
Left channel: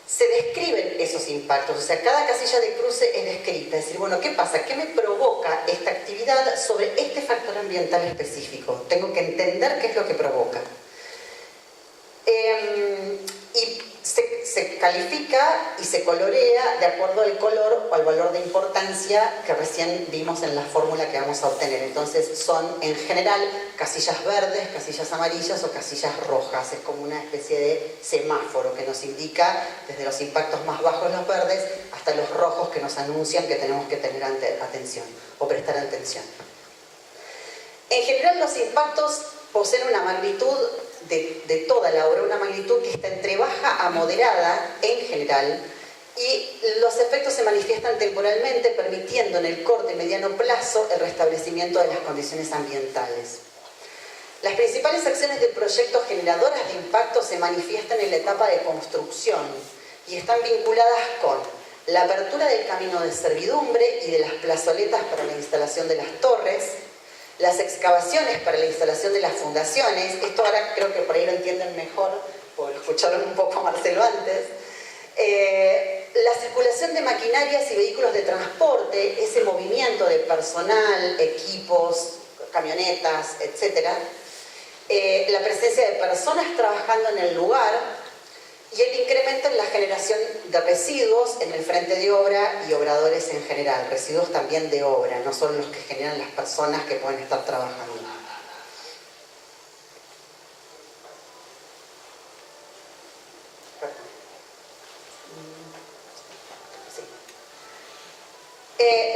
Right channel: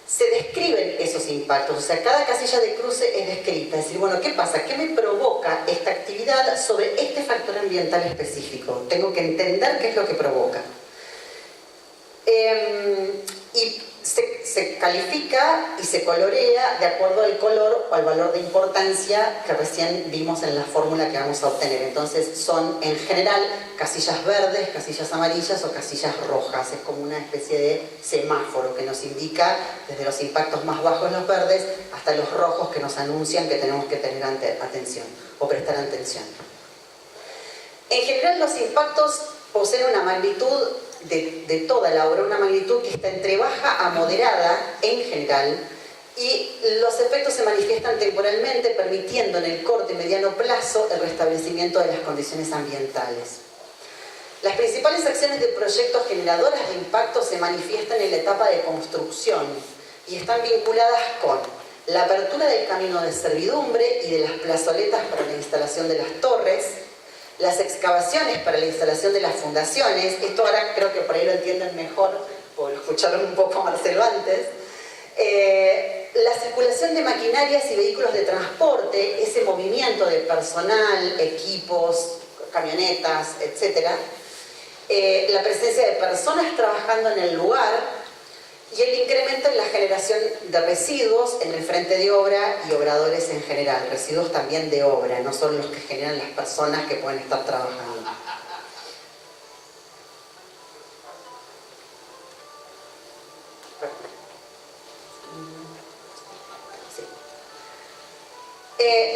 Se describen esos impactos, o sea, cada casilla de cruce es descrita, es decir, bueno, ¿qué pasa? ¿Qué me provoca esta actividad sobre este factor ambiental específico? Tengo que entender qué es lo que provoca. Y se califica y se colorea de acuerdo al color o al valor de importancia que recién vimos en la fórmula que vamos a obtener. Entonces son en general casillas verdes, casillas amarillas o casillas rojas. Es como una especie de semáforo que nos indica desde los impactos más bajos, los verdes, hasta los rojos que nos anuncian que tenemos que tener atención o prestar atención. En general los impactos poseen una magnitud de toda la obra, una magnitud que está entre baja a moderada en general, y los efectos se manifiestan temporalmente, permitiendo en el corto y mediano plazo el restablecimiento de las condiciones ambientales. Las principales acciones de proyectos generadoras de impacto se manifiestan en la etapa de construcción y están vinculadas con la apertura del camino de servidumbre y de las plazoletas para la instalación de las torres, las excavaciones para la instalación de las fundaciones. Esto ahora creo que por ahí lo entienden mejor, o lo escucharon un poco a Marcelo antes. La circulación de maquinarias y vehículos de transporte, ese movimiento de personal, equipos, camionetas, etc. La presencia de personas trabajando en el lugar y el incremento en la generación de residuos en el frente de obra y obradores en general. Residuos también de obra, no solo los que generan las personas que pueden estar trabajando.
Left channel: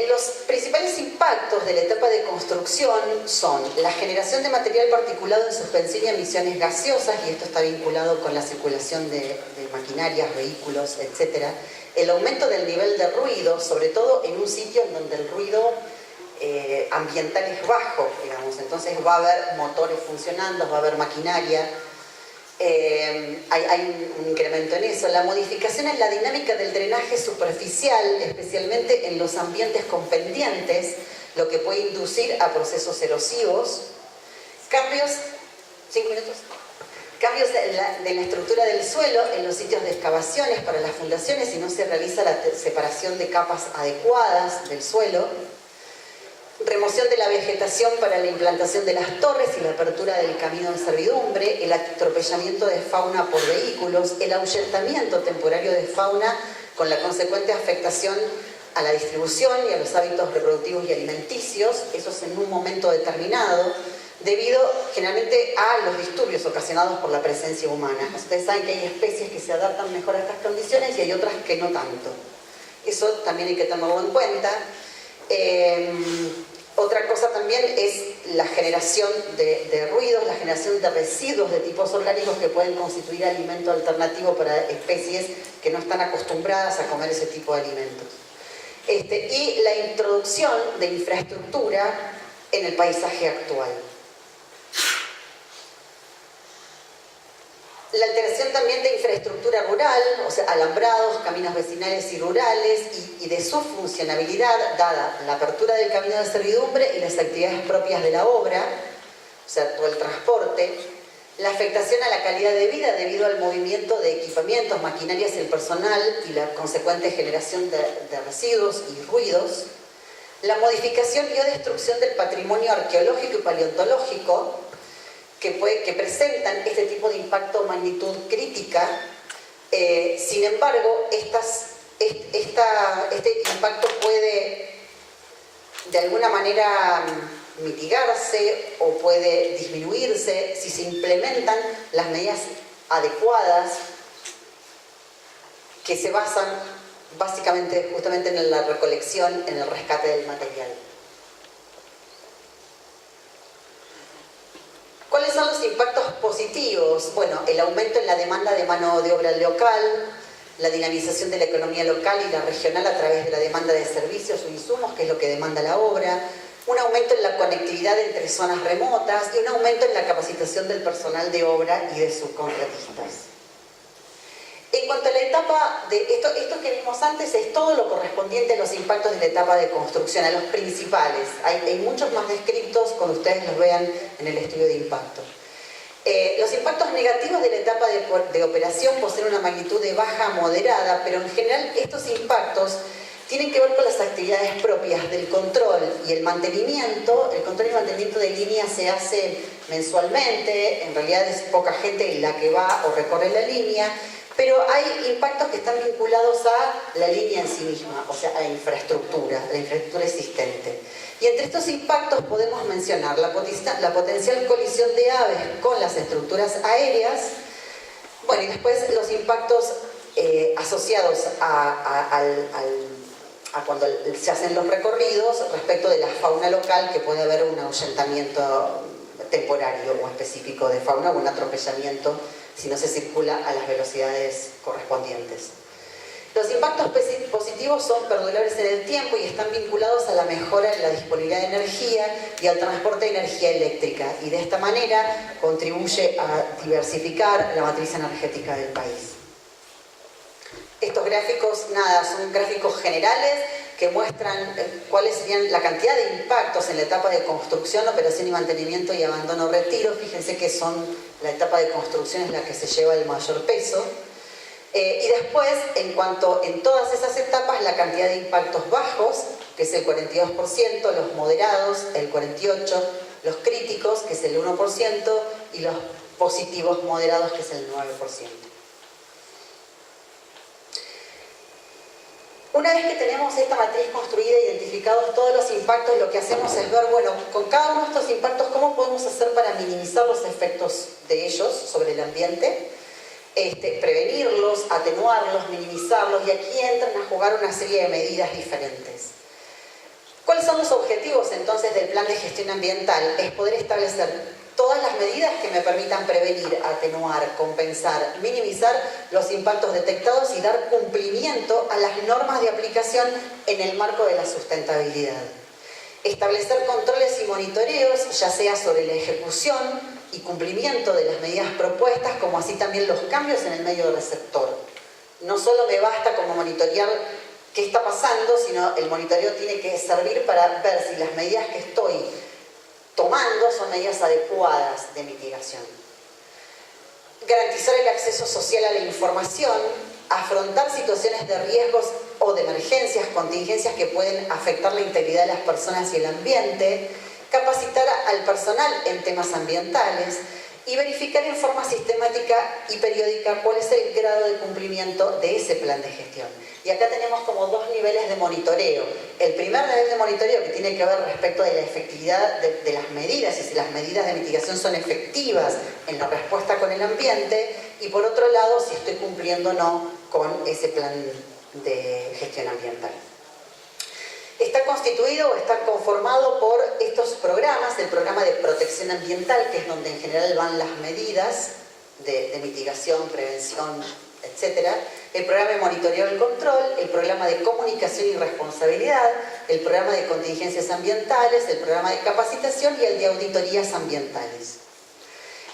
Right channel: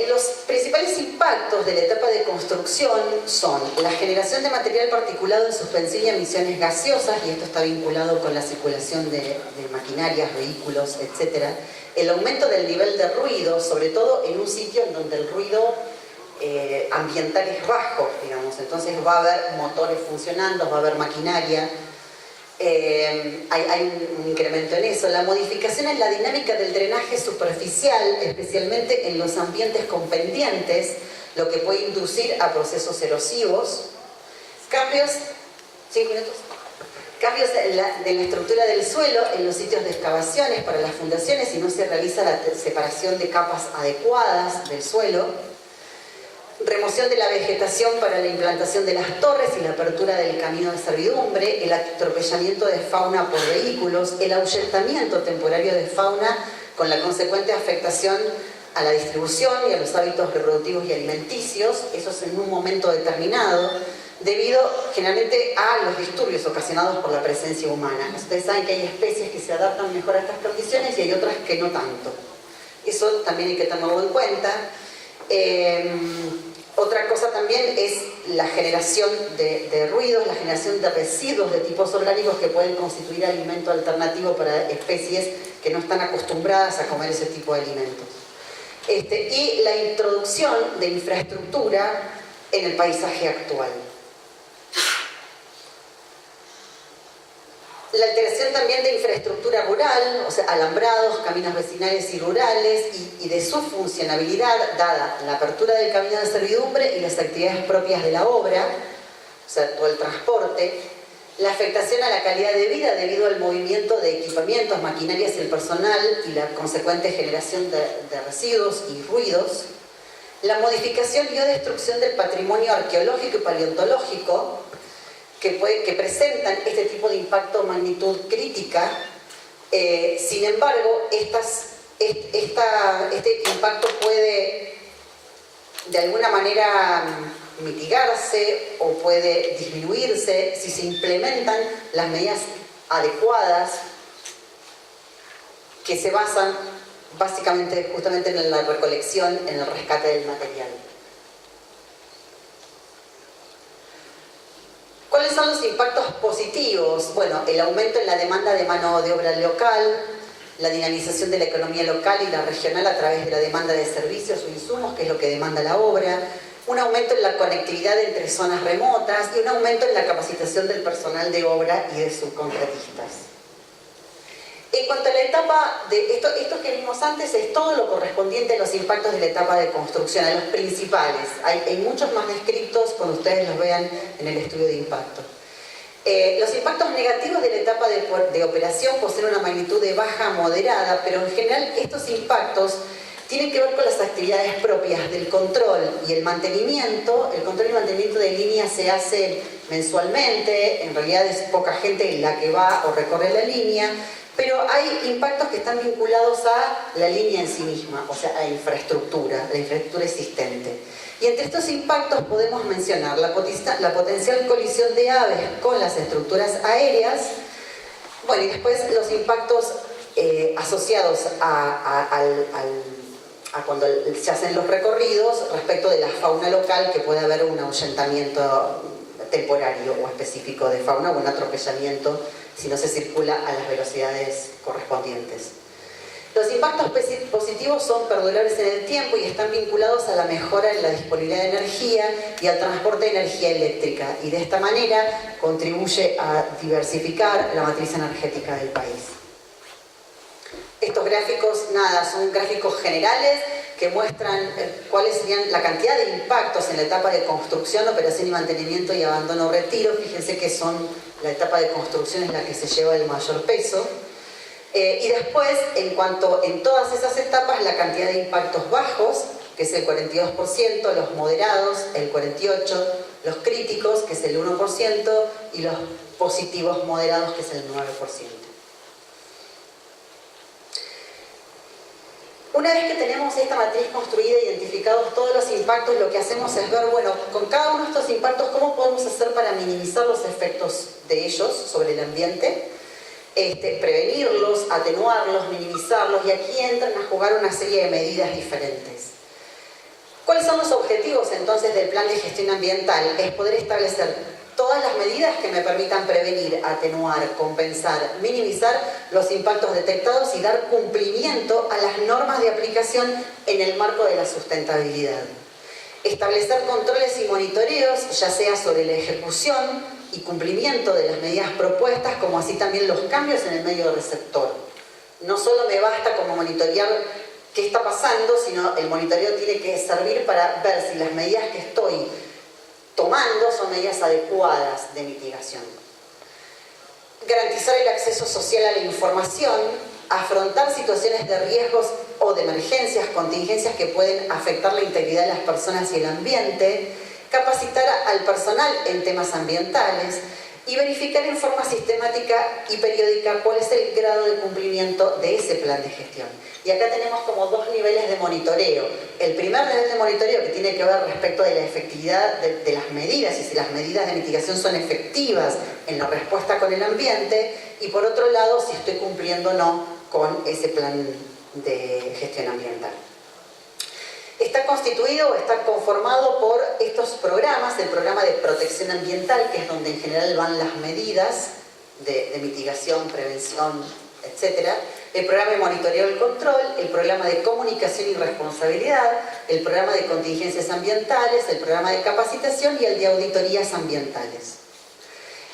Los principales impactos de la etapa de construcción son la generación de material particulado en suspensión y emisiones gaseosas, y esto está vinculado con la circulación de maquinarias, vehículos, etc. el aumento del nivel de ruido, sobre todo en un sitio en donde el ruido ambiental es bajo, digamos. Entonces va a haber motores funcionando, va a haber maquinaria. Hay un incremento en eso. La modificación en la dinámica del drenaje superficial, especialmente en los ambientes con pendientes, lo que puede inducir a procesos erosivos. Cambios, 5 minutos. Cambios de la estructura del suelo en los sitios de excavaciones para las fundaciones si no se realiza la separación de capas adecuadas del suelo. Remoción de la vegetación para la implantación de las torres y la apertura del camino de servidumbre, el atropellamiento de fauna por vehículos, el ahuyentamiento temporario de fauna con la consecuente afectación a la distribución y a los hábitos reproductivos y alimenticios, eso es en un momento determinado, debido generalmente a los disturbios ocasionados por la presencia humana. Ustedes saben que hay especies que se adaptan mejor a estas condiciones y hay otras que no tanto. Eso también hay que tenerlo en cuenta. Otra cosa también es la generación de ruidos, la generación de residuos de tipos orgánicos que pueden constituir alimento alternativo para especies que no están acostumbradas a comer ese tipo de alimentos. Y la introducción de infraestructura en el paisaje actual. La alteración también de infraestructura rural, o sea, alambrados, caminos vecinales y rurales, y de su funcionabilidad, dada la apertura del camino de servidumbre y las actividades propias de la obra, o sea, todo el transporte, la afectación a la calidad de vida debido al movimiento de equipamientos, maquinarias y el personal y la consecuente generación de residuos y ruidos, la modificación y o destrucción del patrimonio arqueológico y paleontológico, que presentan este tipo de impacto o magnitud crítica. Sin embargo, este impacto puede de alguna manera mitigarse o puede disminuirse si se implementan las medidas adecuadas que se basan básicamente justamente en la recolección, en el rescate del material. ¿Cuáles son los impactos positivos? Bueno, el aumento en la demanda de mano de obra local, la dinamización de la economía local y la regional a través de la demanda de servicios o insumos, que es lo que demanda la obra, un aumento en la conectividad entre zonas remotas y un aumento en la capacitación del personal de obra y de subcontratistas. En cuanto a la etapa de esto que vimos antes es todo lo correspondiente a los impactos de la etapa de construcción, a los principales. Hay muchos más descritos cuando ustedes los vean en el estudio de impacto. Los impactos negativos de la etapa de operación poseen una magnitud de baja a moderada, pero en general estos impactos tienen que ver con las actividades propias del control y el mantenimiento. El control y mantenimiento de líneas se hace mensualmente, en realidad es poca gente la que va o recorre la línea, pero hay impactos que están vinculados a la línea en sí misma, o sea, a la infraestructura existente. Y entre estos impactos podemos mencionar la potencial colisión de aves con las estructuras aéreas, bueno, y después los impactos asociados a cuando se hacen los recorridos respecto de la fauna local, que puede haber un ahuyentamiento temporario o específico de fauna o un atropellamiento si no se circula a las velocidades correspondientes. Los impactos positivos son perdurables en el tiempo y están vinculados a la mejora en la disponibilidad de energía y al transporte de energía eléctrica, y de esta manera contribuye a diversificar la matriz energética del país. Estos gráficos, son gráficos generales que muestran cuáles serían la cantidad de impactos en la etapa de construcción, operación y mantenimiento y abandono-retiro. Fíjense que la etapa de construcción es la que se lleva el mayor peso. Y después, en todas esas etapas, la cantidad de impactos bajos, que es el 42%, los moderados, el 48%, los críticos, que es el 1%, y los positivos moderados, que es el 9%. Una vez que tenemos esta matriz construida, identificados todos los impactos, lo que hacemos es ver, bueno, con cada uno de estos impactos, ¿cómo podemos hacer para minimizar los efectos de ellos sobre el ambiente? Prevenirlos, atenuarlos, minimizarlos, y aquí entran a jugar una serie de medidas diferentes. ¿Cuáles son los objetivos entonces del plan de gestión ambiental? Es poder establecer todas las medidas que me permitan prevenir, atenuar, compensar, minimizar los impactos detectados y dar cumplimiento a las normas de aplicación en el marco de la sustentabilidad. Establecer controles y monitoreos, ya sea sobre la ejecución y cumplimiento de las medidas propuestas, como así también los cambios en el medio receptor. No solo me basta como monitorear qué está pasando, sino el monitoreo tiene que servir para ver si las medidas que estoy tomando son medidas adecuadas de mitigación. Garantizar el acceso social a la información, afrontar situaciones de riesgos o de emergencias, contingencias que pueden afectar la integridad de las personas y el ambiente, capacitar al personal en temas ambientales y verificar en forma sistemática y periódica cuál es el grado de cumplimiento de ese plan de gestión. Y acá tenemos como dos niveles de monitoreo. El primer nivel de monitoreo, que tiene que ver respecto de la efectividad de las medidas y si las medidas de mitigación son efectivas en la respuesta con el ambiente, y por otro lado, si estoy cumpliendo o no con ese plan de gestión ambiental. Está constituido o está conformado por estos programas, el programa de protección ambiental, que es donde en general van las medidas de mitigación, prevención, etc. El programa de monitoreo y control, el programa de comunicación y responsabilidad, el programa de contingencias ambientales, el programa de capacitación y el de auditorías ambientales.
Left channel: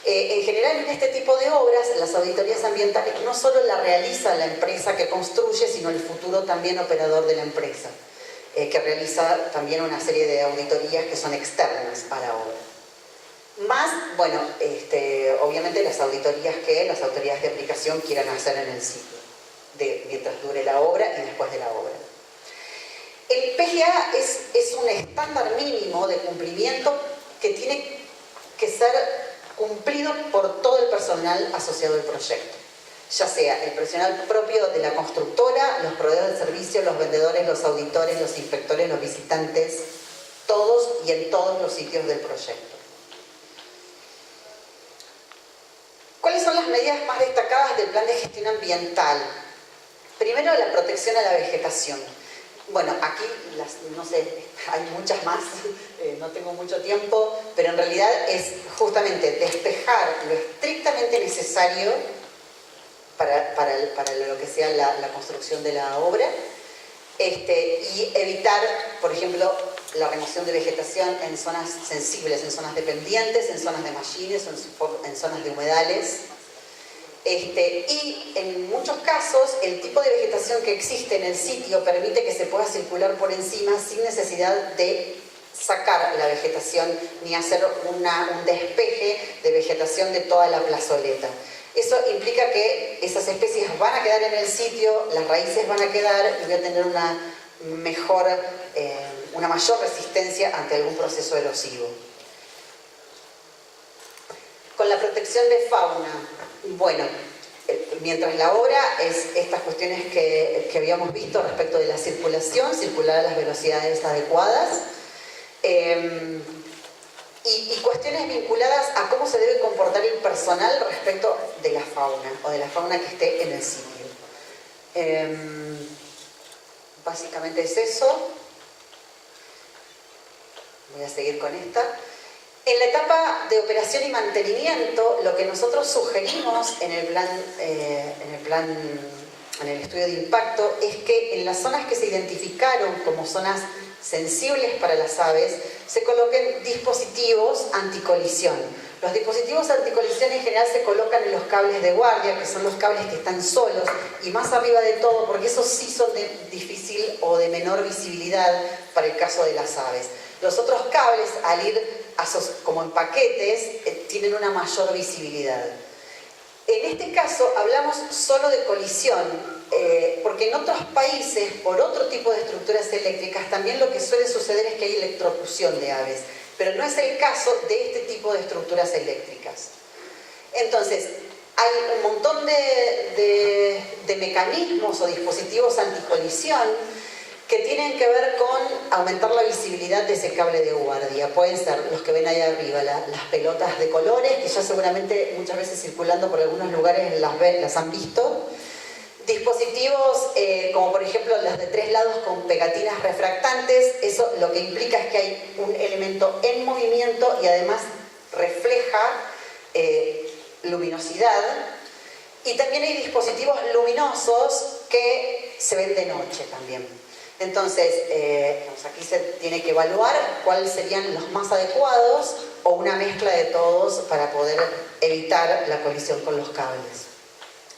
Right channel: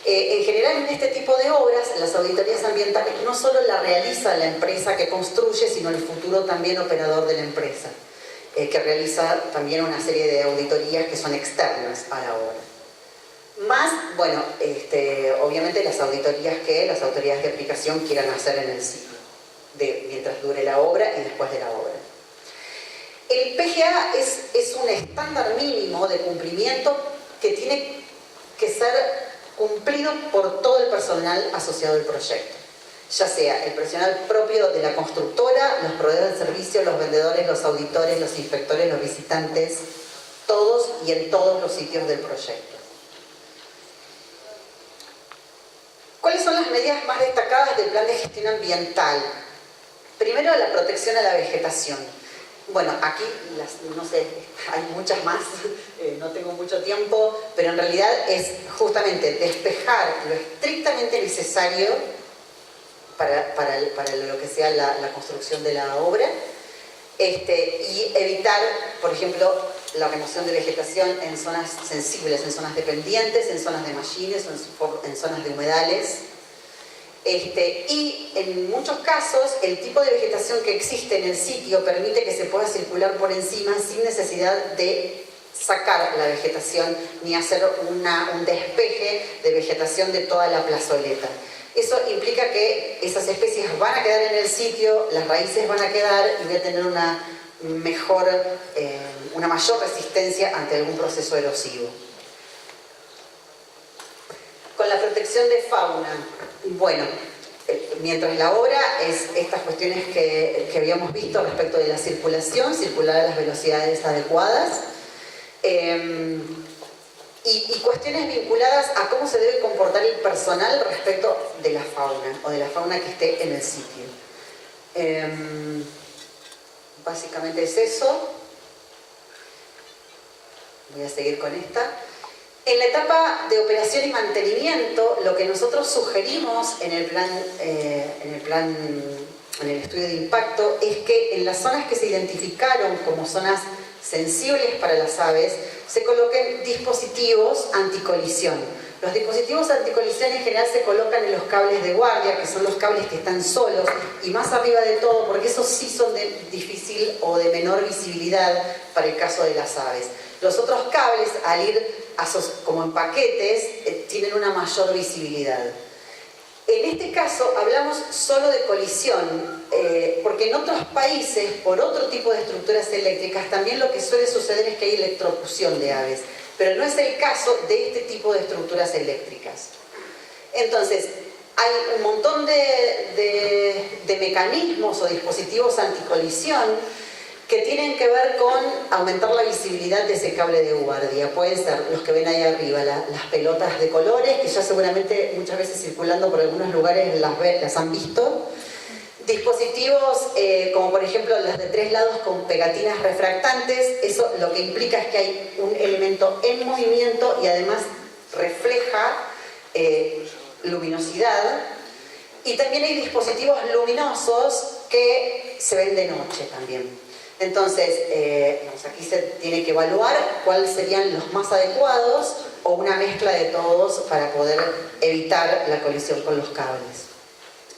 En general, en este tipo de obras, las auditorías ambientales no solo la realiza la empresa que construye, sino el futuro también operador de la empresa, que realiza también una serie de auditorías que son externas a la obra. Más, bueno, obviamente las auditorías que las autoridades de aplicación quieran hacer en el ciclo, mientras dure la obra y después de la obra. El PGA es un estándar mínimo de cumplimiento que tiene que ser cumplido por todo el personal asociado al proyecto, ya sea el personal propio de la constructora, los proveedores de servicios, los vendedores, los auditores, los inspectores, los visitantes, todos y en todos los sitios del proyecto. ¿Cuáles son las medidas más destacadas del plan de gestión ambiental? Primero, la protección a la vegetación. Bueno, aquí, no sé, hay muchas más, no tengo mucho tiempo, pero en realidad es justamente despejar lo estrictamente necesario para lo que sea la construcción de la obra, y evitar, por ejemplo, la remoción de vegetación en zonas sensibles, en zonas dependientes, en zonas de mallines, en zonas de humedales. Y en muchos casos el tipo de vegetación que existe en el sitio permite que se pueda circular por encima sin necesidad de sacar la vegetación ni hacer un despeje de vegetación de toda la plazoleta. Eso implica que esas especies van a quedar en el sitio, las raíces van a quedar y voy a tener una mayor resistencia ante algún proceso erosivo. Con la protección de fauna, bueno, mientras la obra es estas cuestiones que habíamos visto respecto de la circulación, circular a las velocidades adecuadas, y cuestiones vinculadas a cómo se debe comportar el personal respecto de la fauna o de la fauna que esté en el sitio. Básicamente es eso. Voy a seguir con esta. En la etapa de operación y mantenimiento, lo que nosotros sugerimos en el estudio de impacto es que en las zonas que se identificaron como zonas sensibles para las aves, se coloquen dispositivos anticolisión. Los dispositivos anticolisión en general se colocan en los cables de guardia, que son los cables que están solos, y más arriba de todo, porque esos sí son de difícil o de menor visibilidad para el caso de las aves. Los otros cables, al ir como en paquetes, tienen una mayor visibilidad. En este caso hablamos solo de colisión, porque en otros países, por otro tipo de estructuras eléctricas, también lo que suele suceder es que hay electrocución de aves, pero no es el caso de este tipo de estructuras eléctricas. Entonces, hay un montón de mecanismos o dispositivos anticolisión que tienen que ver con aumentar la visibilidad de ese cable de guardia. Pueden ser los que ven ahí arriba, las pelotas de colores, que ya seguramente muchas veces circulando por algunos lugares las han visto. Dispositivos como por ejemplo las de 3 lados con pegatinas refractantes. Eso lo que implica es que hay un elemento en movimiento y además refleja luminosidad, y también hay dispositivos luminosos que se ven de noche también. Entonces, aquí se tiene que evaluar cuáles serían los más adecuados o una mezcla de todos para poder evitar la colisión con los cables.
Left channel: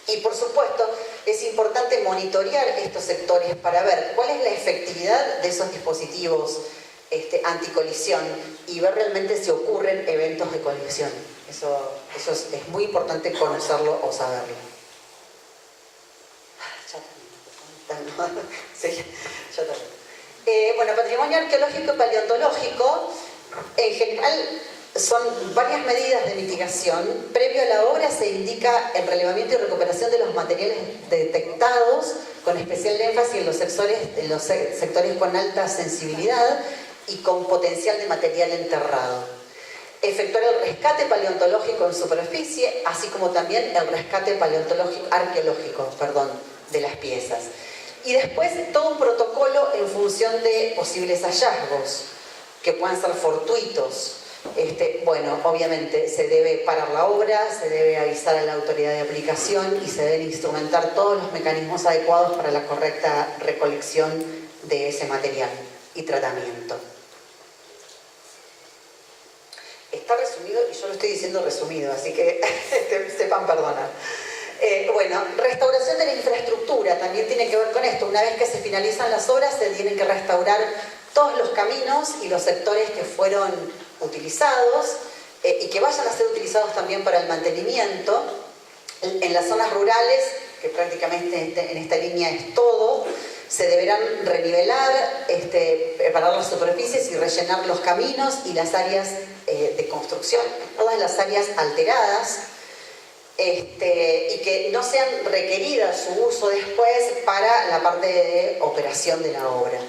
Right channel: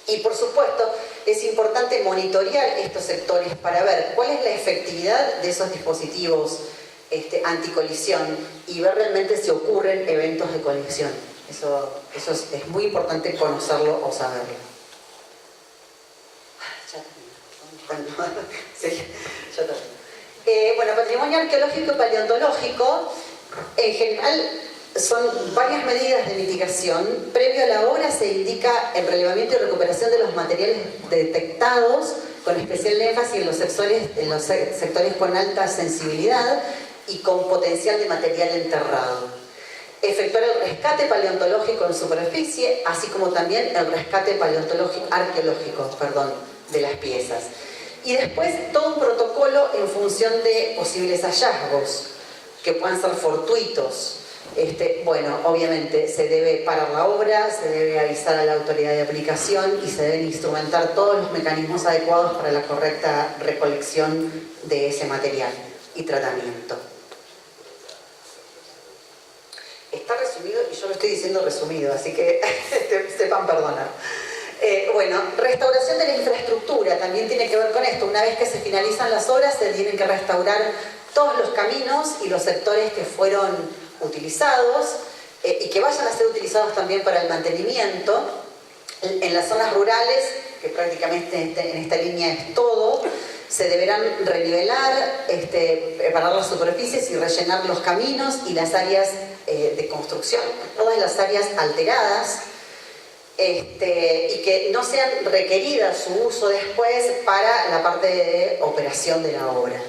Y por supuesto, es importante monitorear estos sectores para ver cuál es la efectividad de esos dispositivos anticolisión y ver realmente si ocurren eventos de colisión. Eso es muy importante conocerlo o saberlo. Bueno, patrimonio arqueológico y paleontológico, en general, son varias medidas de mitigación. Previo a la obra se indica el relevamiento y recuperación de los materiales detectados, con especial énfasis en los sectores con alta sensibilidad y con potencial de material enterrado. Efectuar el rescate paleontológico en superficie, así como también el rescate arqueológico de las piezas. Y después todo un protocolo en función de posibles hallazgos, que puedan ser fortuitos. Bueno, obviamente se debe parar la obra, se debe avisar a la autoridad de aplicación y se deben instrumentar todos los mecanismos adecuados para la correcta recolección de ese material y tratamiento. Está resumido y yo lo estoy diciendo resumido, así que sepan perdonar. Bueno, restauración de la infraestructura también tiene que ver con esto. Una vez que se finalizan las obras, se tienen que restaurar todos los caminos y los sectores que fueron utilizados y que vayan a ser utilizados también para el mantenimiento. En las zonas rurales, que prácticamente en esta línea es todo, se deberán renivelar, preparar las superficies y rellenar los caminos y las áreas de construcción, todas las áreas alteradas, y que no sean requeridas su uso después para la parte de operación de la obra.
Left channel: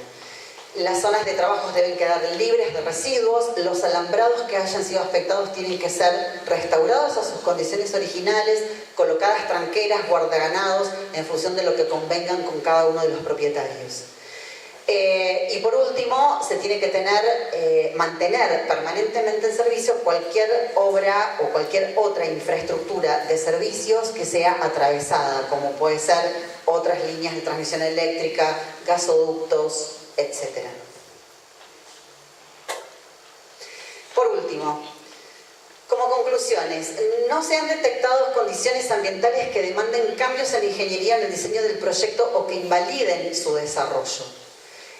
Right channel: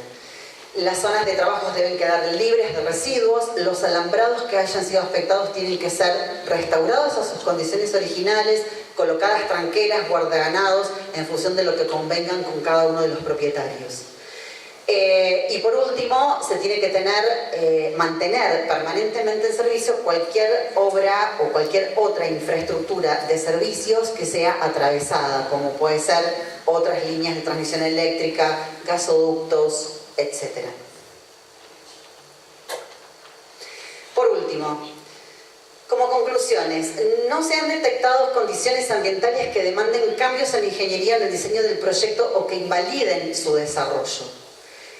Las zonas de trabajos deben quedar libres de residuos, los alambrados que hayan sido afectados tienen que ser restaurados a sus condiciones originales, colocadas tranqueras, guardaganados, en función de lo que convengan con cada uno de los propietarios. Y por último, se tiene que mantener permanentemente en servicio cualquier obra o cualquier otra infraestructura de servicios que sea atravesada, como puede ser otras líneas de transmisión eléctrica, gasoductos, etc. Por último, como conclusiones, no se han detectado condiciones ambientales que demanden cambios en la ingeniería en el diseño del proyecto o que invaliden su desarrollo.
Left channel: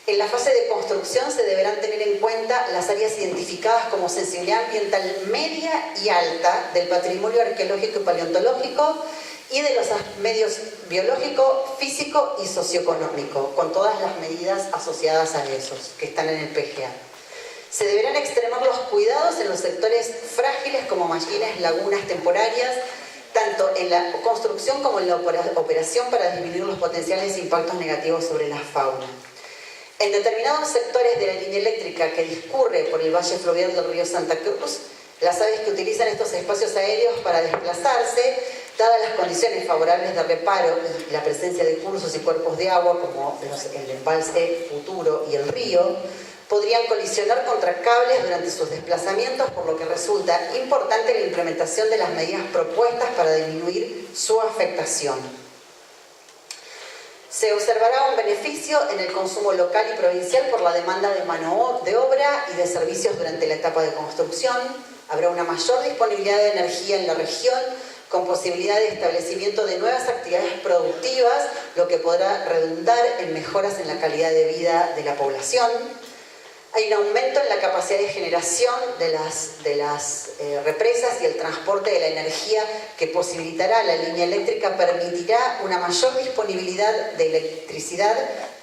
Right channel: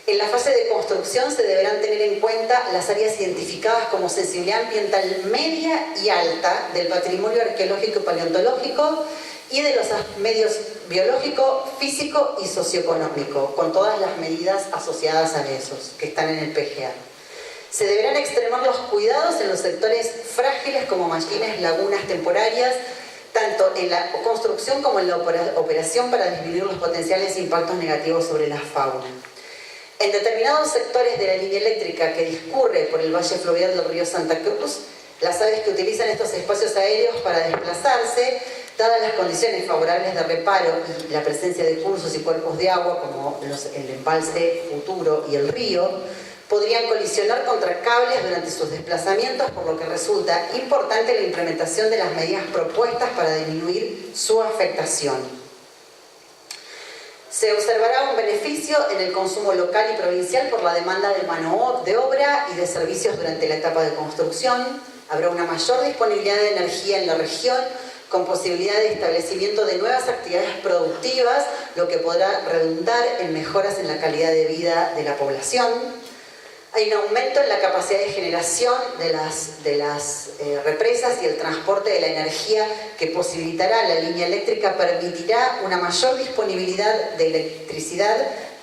En la fase de construcción se deberán tener en cuenta las áreas identificadas como sensibilidad ambiental media y alta del patrimonio arqueológico y paleontológico y de los medios biológico, físico y socioeconómico, con todas las medidas asociadas a esos que están en el PGA. Se deberán extremar los cuidados en los sectores frágiles como mallines, lagunas temporarias, tanto en la construcción como en la operación para disminuir los potenciales impactos negativos sobre la fauna. En determinados sectores de la línea eléctrica que discurre por el valle fluvial del río Santa Cruz, las aves que utilizan estos espacios aéreos para desplazarse, dadas las condiciones favorables de reparo y la presencia de cursos y cuerpos de agua como el embalse Futuro y el río, podrían colisionar contra cables durante sus desplazamientos, por lo que resulta importante la implementación de las medidas propuestas para disminuir su afectación. Se observará un beneficio en el consumo local y provincial por la demanda de mano de obra y de servicios durante la etapa de construcción. Habrá una mayor disponibilidad de energía en la región, con posibilidad de establecimiento de nuevas actividades productivas, lo que podrá redundar en mejoras en la calidad de vida de la población. Hay un aumento en la capacidad de generación de las represas y el transporte de la energía que posibilitará la línea eléctrica, permitirá una mayor disponibilidad de electricidad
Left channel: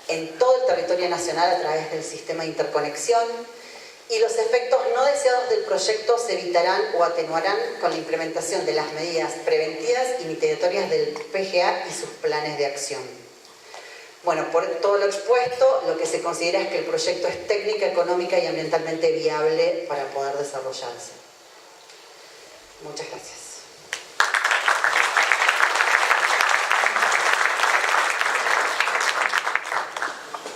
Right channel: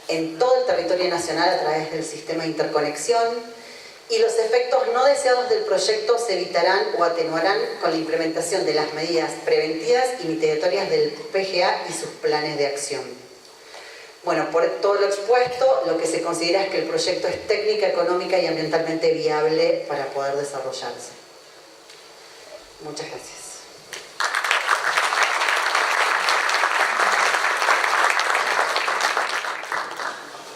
en todo el territorio nacional a través del sistema de interconexión, y los efectos no deseados del proyecto se evitarán o atenuarán con la implementación de las medidas preventivas y mitigatorias del PGA y sus planes de acción. Bueno, por todo lo expuesto, lo que se considera es que el proyecto es técnica, económica y ambientalmente viable para poder desarrollarse. Muchas gracias.